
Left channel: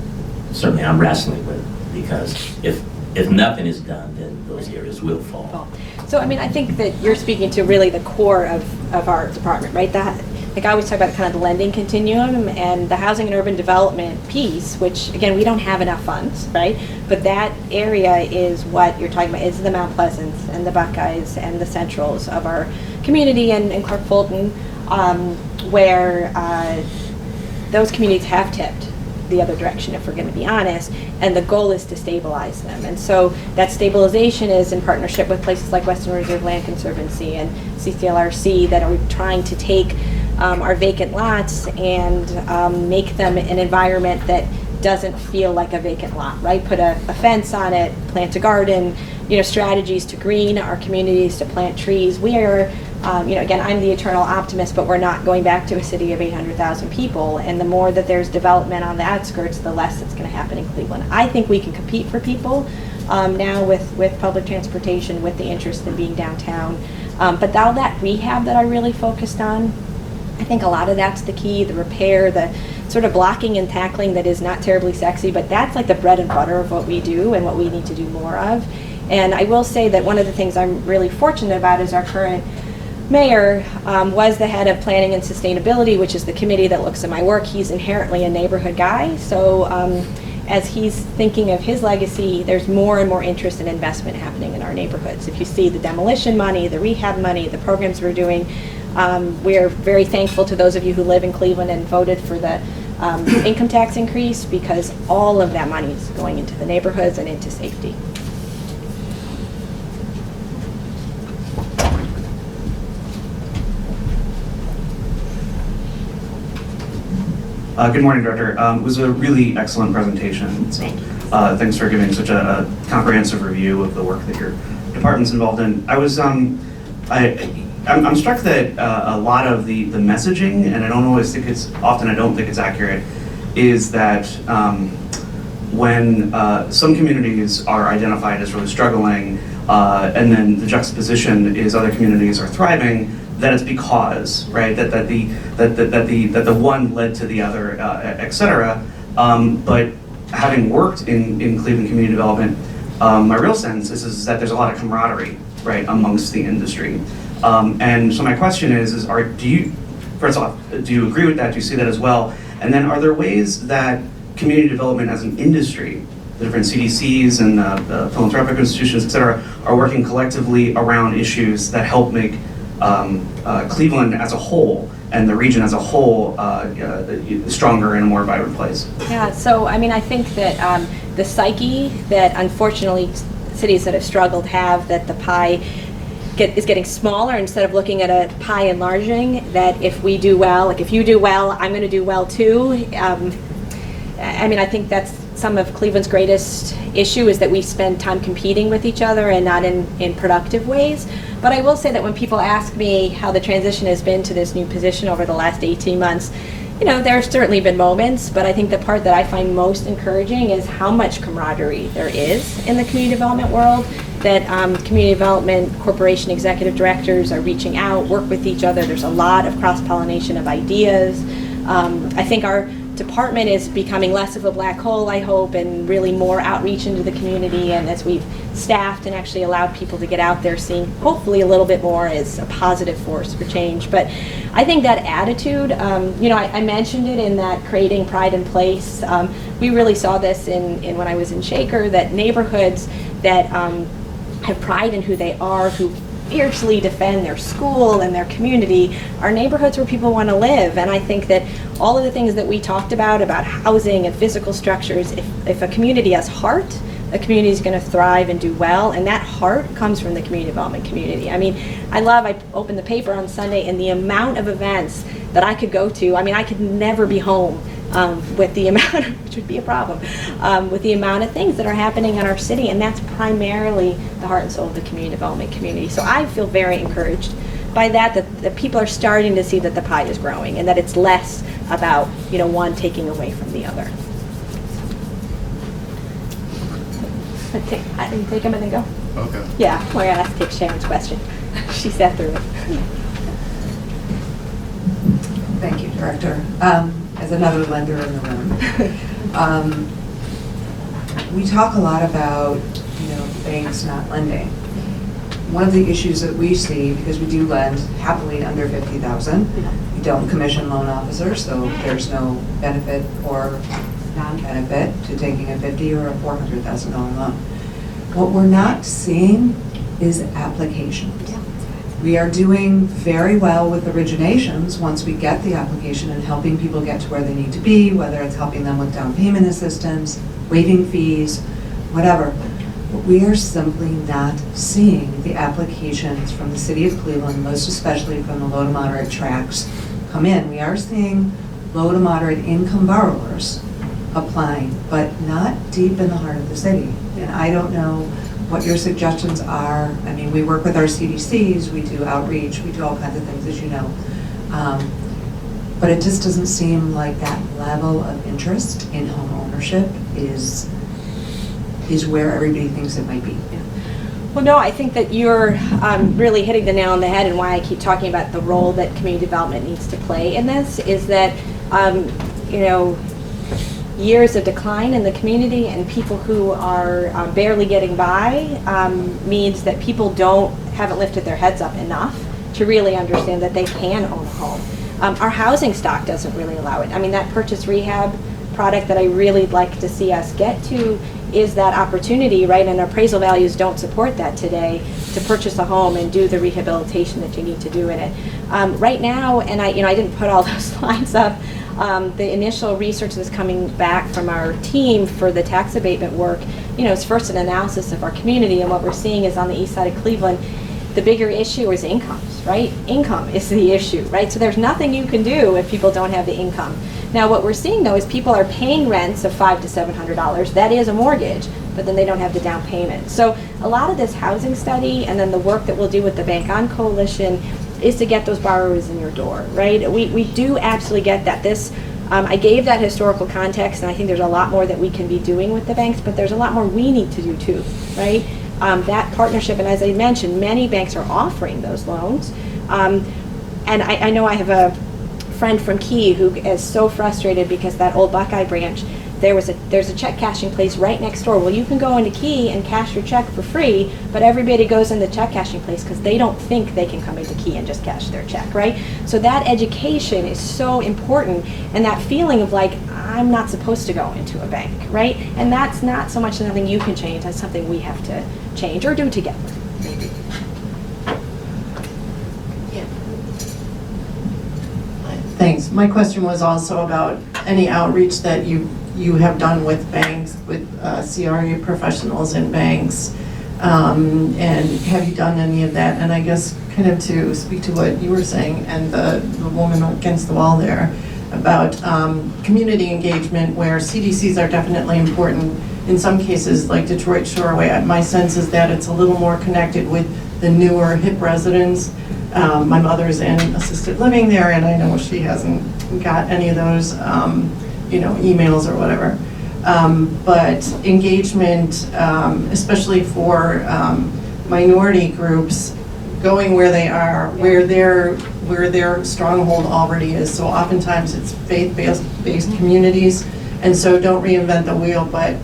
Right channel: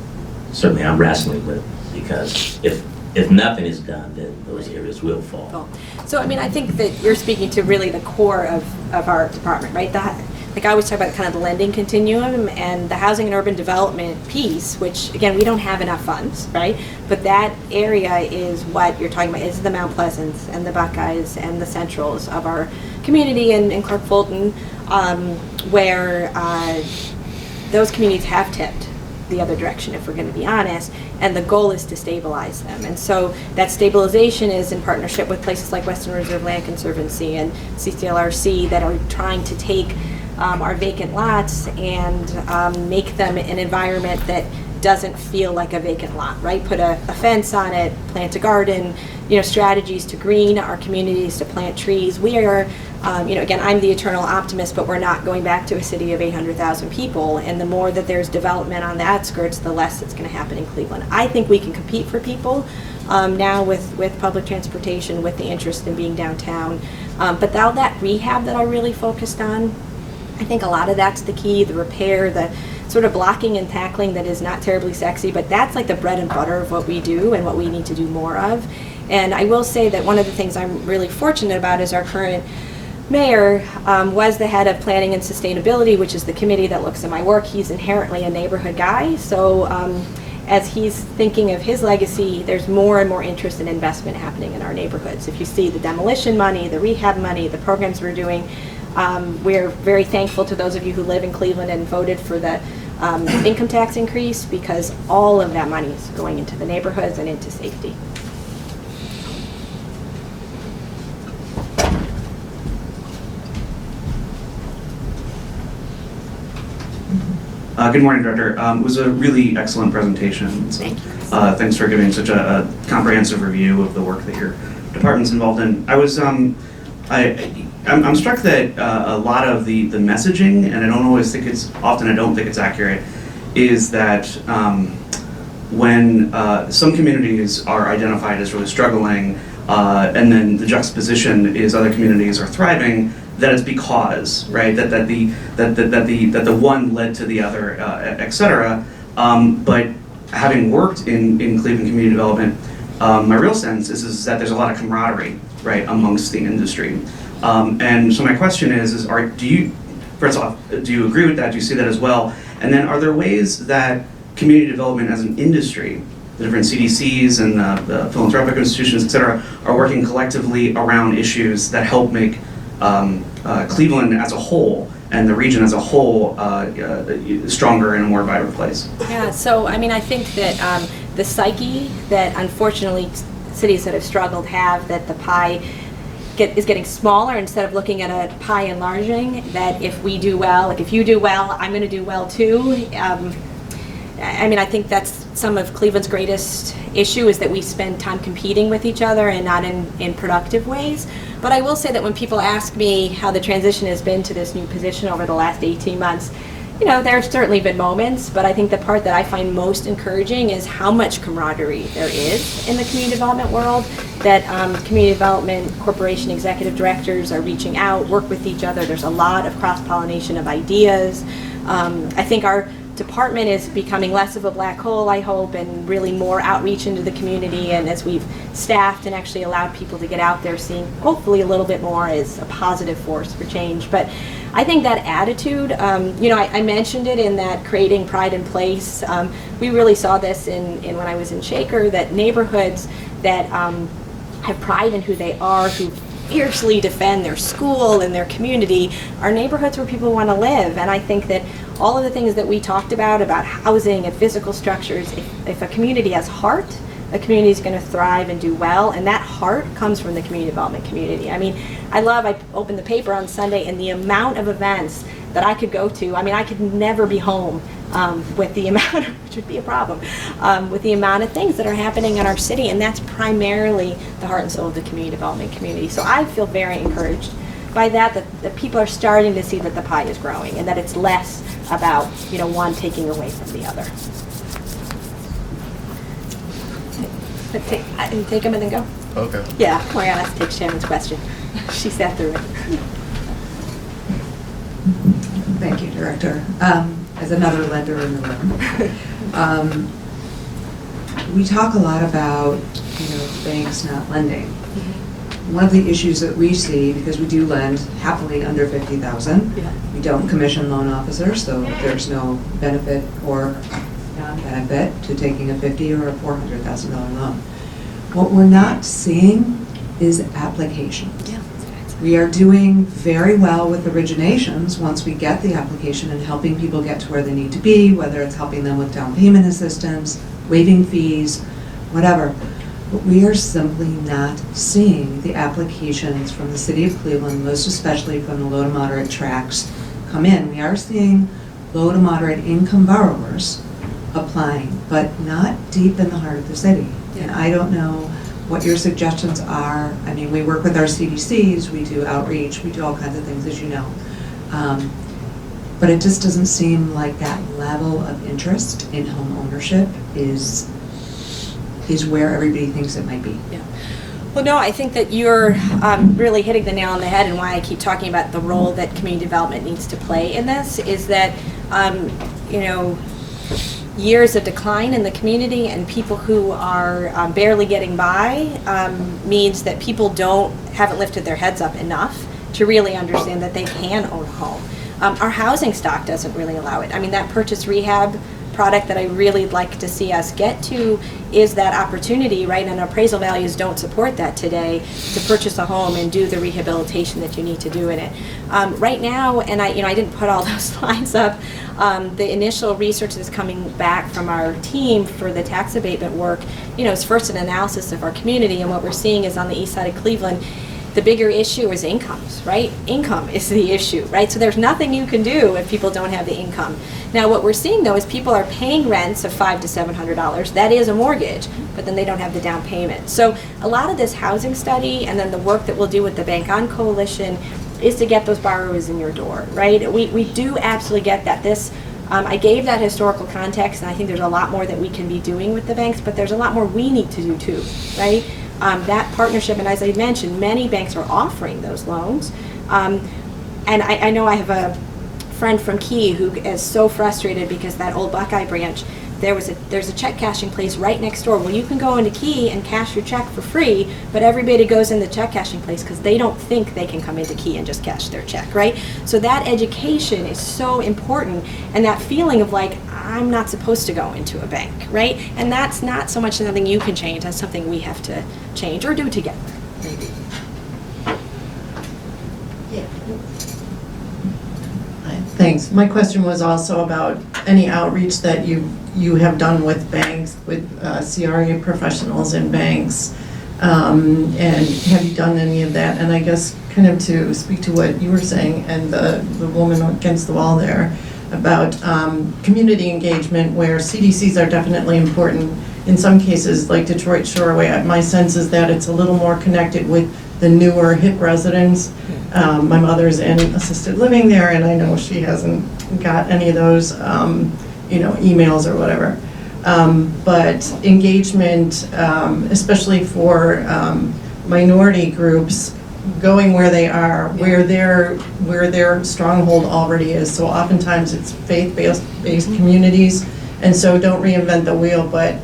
certainly I'm wrestling with, because if nothing is done, then those areas will fall. So I think that you're speaking to really the core of our department, right? The like I always talk about kind of the lending continuum and the housing and urban development piece, which again, we don't have enough funds, right? But that area is what you're talking about, is the Mount Pleasants and the Buckeyes and the Centrals of our community and Clark Fulton, where those communities have tipped the other direction, if we're going to be honest, and the goal is to stabilize them. And so that stabilization is in partnership with places like Western Reserve Land Conservancy and CCLRC that are trying to take our vacant lots and make them an environment that doesn't feel like a vacant lot, right? Put a fence on it, plant a garden, strategies to green our communities, to plant trees. We are, again, I'm the eternal optimist, but we're not going back to a city of 800,000 people. And the more that there's development on the outskirts, the less it's going to happen in Cleveland. I think we can compete for people now with public transportation, with the interest in being downtown. But all that rehab that I really focused on, I think a lot of that's the key, the repair, the sort of blocking and tackling that is not terribly sexy, but that's like the bread and butter of what we do and what we need to do more of. And I will say that one of the things I'm really fortunate about is our current mayor was the head of planning and sustainability, which is the committee that looks at my work. He's inherently a neighborhood guy. So as he's thinking of his legacy, there's more and more interest and investment happening in our neighborhoods. If you see the demolition money, the rehab money, the programs we're doing, we're very thankful to those of you who live in Cleveland and voted for the income tax increase, because all of that money is going into the neighborhoods and into safety. Good morning, Director. It was a really excellent presentation. So, thanks for giving such a comprehensive review of the work that your department's involved in. I'm struck that a lot of the messaging, and I don't think it's accurate, is that when some communities are identified as really struggling, and then the juxtaposition is other communities are thriving, that it's because, right, that the one led to the other, et cetera. But having worked in Cleveland community development, my real sense is that there's a lot of camaraderie, right, amongst the industry. And so my question is do you agree with that? Do you see that as well? And then are there ways that community development as an industry, the different CDCs and the philanthropic institutions, et cetera, are working collectively around issues that help make Cleveland as a whole and the region as a whole stronger and a more vibrant place? Yeah, so I mean, I think that the psyche that unfortunately cities that have struggled have, that the pie is getting smaller instead of looking at a pie enlarging, that if we do well, like if you do well, I'm going to do well too. I mean, I think that's some of Cleveland's greatest issue, is that we spend time competing with each other and not in productive ways. But I will say that when people ask me how the transition has been to this new position over the last 18 months, there have certainly been moments, but I think the part that I find most encouraging is how much camaraderie there is in the community development world, that community development corporation executive directors are reaching out, work with each other. There's a lot of cross-pollination of ideas. I think our department is becoming less of a black hole, I hope, and really more outreach into the community. And as we've staffed and actually allowed people to get out there, seeing hopefully a little bit more as a positive force for change. But I think that attitude, I mentioned it in that creating pride in place. We really saw this in when I was in Shaker, that neighborhoods that have pride in who they are, who fiercely defend their school and their community, are neighborhoods where people want to live. And I think that all of the things that we talked about housing and physical structures, if a community has heart, a community is going to thrive and do well, and that heart comes from the community development community. I mean, I opened the paper on Sunday, and the amount of events that I could go to, I mean, I could never be home with the amount, which would be a problem, with the amount of things that are happening in our city, and that's primarily the heart and soul of the community development community. So I feel very encouraged by that people are starting to see that the pie is growing, and that it's less about one taking away from the other. Take them and then go. Okay. Yeah, oh my God, let's take Shannon's question. She sat through it. Thank you, Director. As another lender in the room, we talk a lot about banks not lending, one of the issues that we see, because we do lend happily under 50,000, we don't commission loan officers, so there's no benefit or non-benefit to taking a $50,000 or a $400,000 loan. What we're not seeing is applications. We are doing very well with originations once we get the application and helping people get to where they need to be, whether it's helping them with down payment assistance, waiving fees, whatever. But we are simply not seeing the applications from the city of Cleveland, most especially from the low to moderate tracts, come in. We are seeing low to moderate income borrowers applying, but not deep in the heart of the city. And I don't know what your suggestions are. I mean, we work with our CDCs, we do outreach, we do all kinds of things, as you know. But it just doesn't seem like that level of interest in home ownership is where everybody thinks it might be. Yeah. Well, no, I think that you're really hitting the nail on the head, and why I keep talking about the role that community development needs to play in this is that, you know, years of decline in the community and people who are barely getting by means that people haven't lifted their heads up enough to really understand that they can own a home. Our housing stock doesn't really allow it. I mean, that purchase rehab product that I really like to see us get to is that opportunity, right? And appraisal values don't support that today, to purchase a home and do the rehabilitation that you need to do in it. Right now, and I didn't put all those slides up, the initial research that's coming back from our team for the tax abatement work, you know, is first an analysis of our community, and what we're seeing is on the east side of Cleveland, the bigger issue is incomes, right? Income is the issue, right? So there's nothing you can do if people don't have the income. Now what we're seeing though is people are paying rents of $500 to $700. That is a mortgage, but then they don't have the down payment. So a lot of this housing study and then the work that we'll do with the Bank On Coalition is to get those borrowers in your door, right? We do absolutely get that. I gave that historical context, and I think there's a lot more that we can be doing with the banks, but there's a lot more we need to do too, right? That partnership, and as I mentioned, many banks are offering those loans. And I know I have a friend from Key who is so frustrated because that old Buckeye branch, there's a check cashing place right next door. Well, you can go into Key and cash your check for free, but everybody goes in the check cashing place because they don't think they can come into Key and just cash their check, right? So that education is so important, and that feeling of like, I'm not supposed to go into a bank, right? And that's not so much something you can change, that's something we have to change or do together. Thanks. My question was also about any outreach that you have done with banks, with CRA professionals in banks, and have you done any of that? And I guess kind of to speak to what you were saying and the woman against the wall there about community engagement, where CDCs are definitely important. In some cases, like Detroit Shoreway, my sense is that it's a little more connected with the newer hip residents. My mother's in assisted living there, and I know she hasn't got any of those, emails or whatever. But engagement, especially for minority groups, going where they are, where their stronghold already is. So oftentimes it's faith-based communities, and so don't reinvent the wheel, but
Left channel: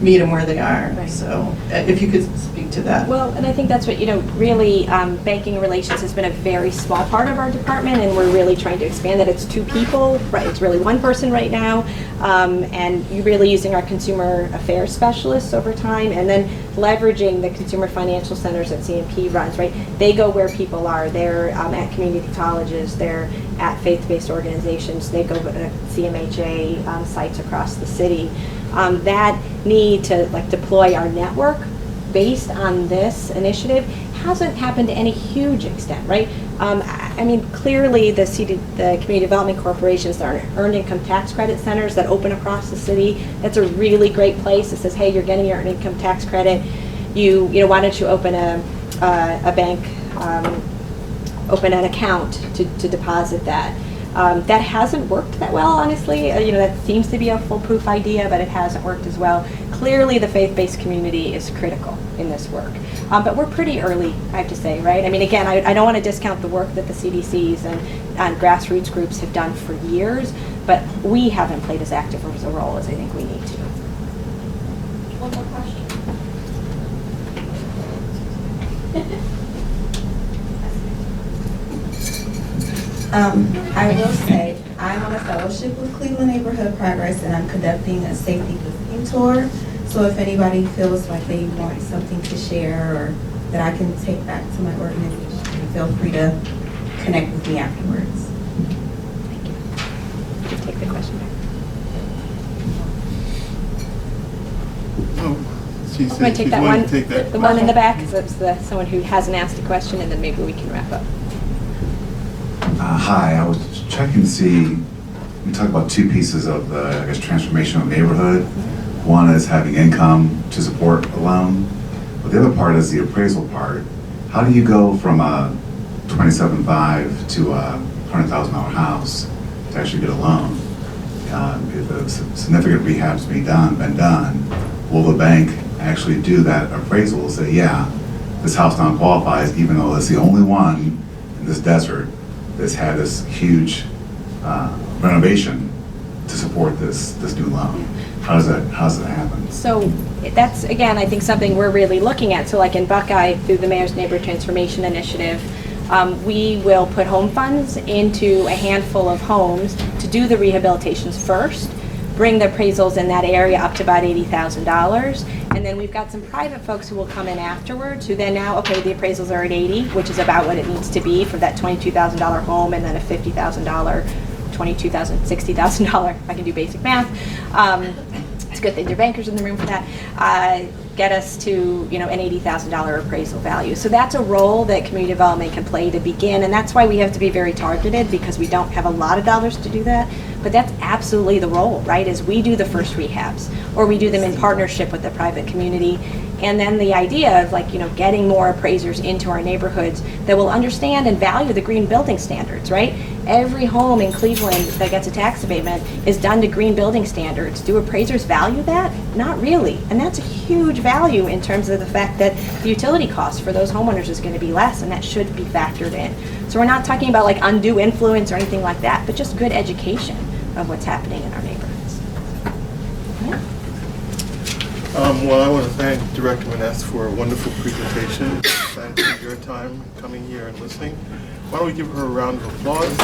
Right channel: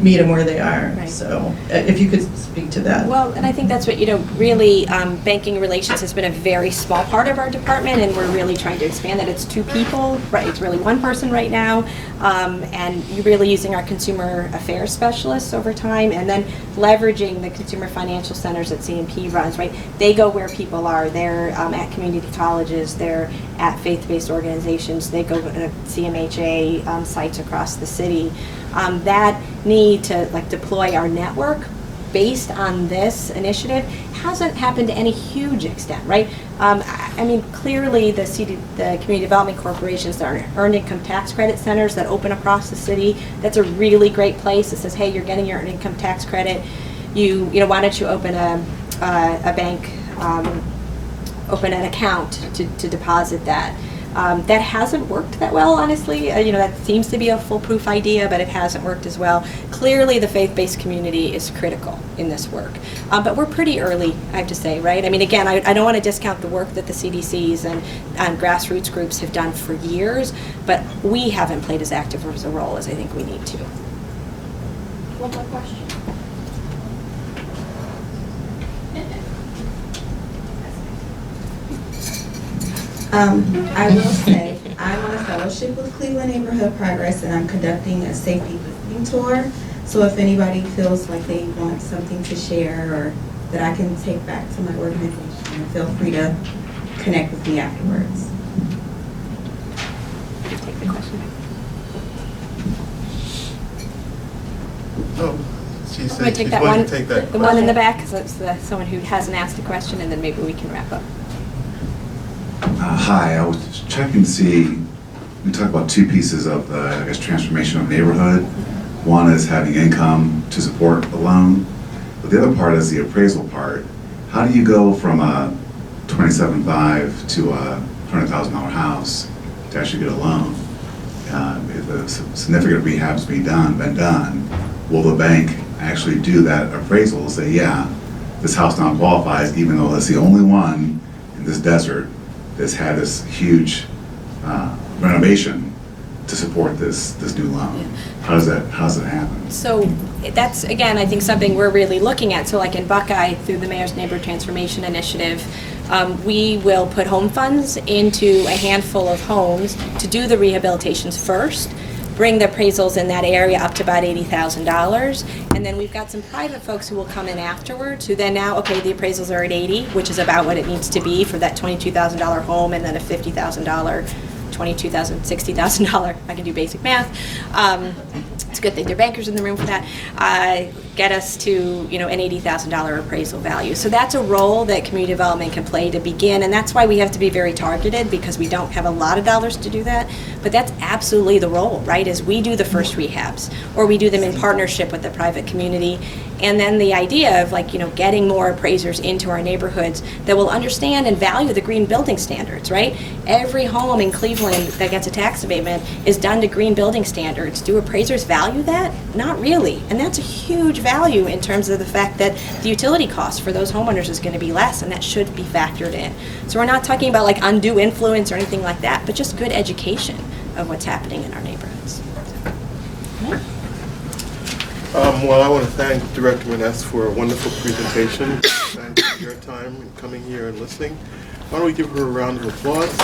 meet them where they are. Right. So if you could speak to that. Well, and I think that's what, really, banking relations has been a very small part of our department, and we're really trying to expand it. It's 2 people, right? It's really 1 person right now, and you're really using our consumer affairs specialists over time, and then leveraging the consumer financial centers that CMP runs, right? They go where people are. They're at community colleges, they're at faith-based organizations, they go to CMHA sites across the city. That need to deploy our network based on this initiative hasn't happened to any huge extent, right? I mean, clearly the community development corporations, that are earned income tax credit centers that open across the city, that's a really great place that says, hey, you're getting your earned income tax credit. Why don't you open a bank, open an account to deposit that. That hasn't worked that well, honestly. That seems to be a foolproof idea, but it hasn't worked as well. Clearly, the faith-based community is critical in this work. But we're pretty early, I have to say, right? I mean, again, I don't want to discount the work that the CDCs and grassroots groups have done for years, but we haven't played as active as a role as I think we need to. One more question. I will say, I'm on a fellowship with Cleveland Neighborhood Progress, and I'm conducting a safety listening tour. So if anybody feels like they want something to share or that I can take back to my organization, feel free to connect with me afterwards. You can take the question back. No, she I'm said gonna take she's that willing one, to take that the one in question. the back, because it's someone who hasn't asked a question, and then maybe we can wrap up. Hi, I was checking to see, we talked about two pieces of the, I guess, transformation of neighborhood. One is having income to support a loan, but the other part is the appraisal part. How do you go from a $27,500 to a $100,000 house to actually get a loan? If a significant rehab's been done, will the bank actually do that appraisal and say, yeah, this house now qualifies, even though it's the only one in this desert that's had this huge renovation to support this new loan? How does that happen? So that's, again, I think something we're really looking at. So like in Buckeye, through the Mayor's Neighborhood Transformation Initiative, we will put home funds into a handful of homes to do the rehabilitations first, bring the appraisals in that area up to about $80,000. And then we've got some private folks who will come in afterwards, who then now, okay, the appraisals are at 80, which is about what it needs to be for that $22,000 home, and then a $50,000, $22,000, $60,000, I can do basic math. It's a good thing there are bankers in the room for that. Get us to, you know, an $80,000 appraisal value. So that's a role that community development can play to begin, and that's why we have to be very targeted, because we don't have a lot of dollars to do that. But that's absolutely the role, right? Is we do the first rehabs, or we do them in partnership with the private community. And then the idea of, like, you know, getting more appraisers into our neighborhoods that will understand and value the green building standards, right? Every home in Cleveland that gets a tax abatement is done to green building standards. Do appraisers value that? Not really. And that's a huge value in terms of the fact that the utility cost for those homeowners is going to be less, and that should be factored in. So we're not talking about like undue influence or anything like that, but just good education of what's happening in our neighborhoods. Well, I want to thank Director Maness for a wonderful presentation. Thank you for your time in coming here and listening. Why don't we give her a round of applause?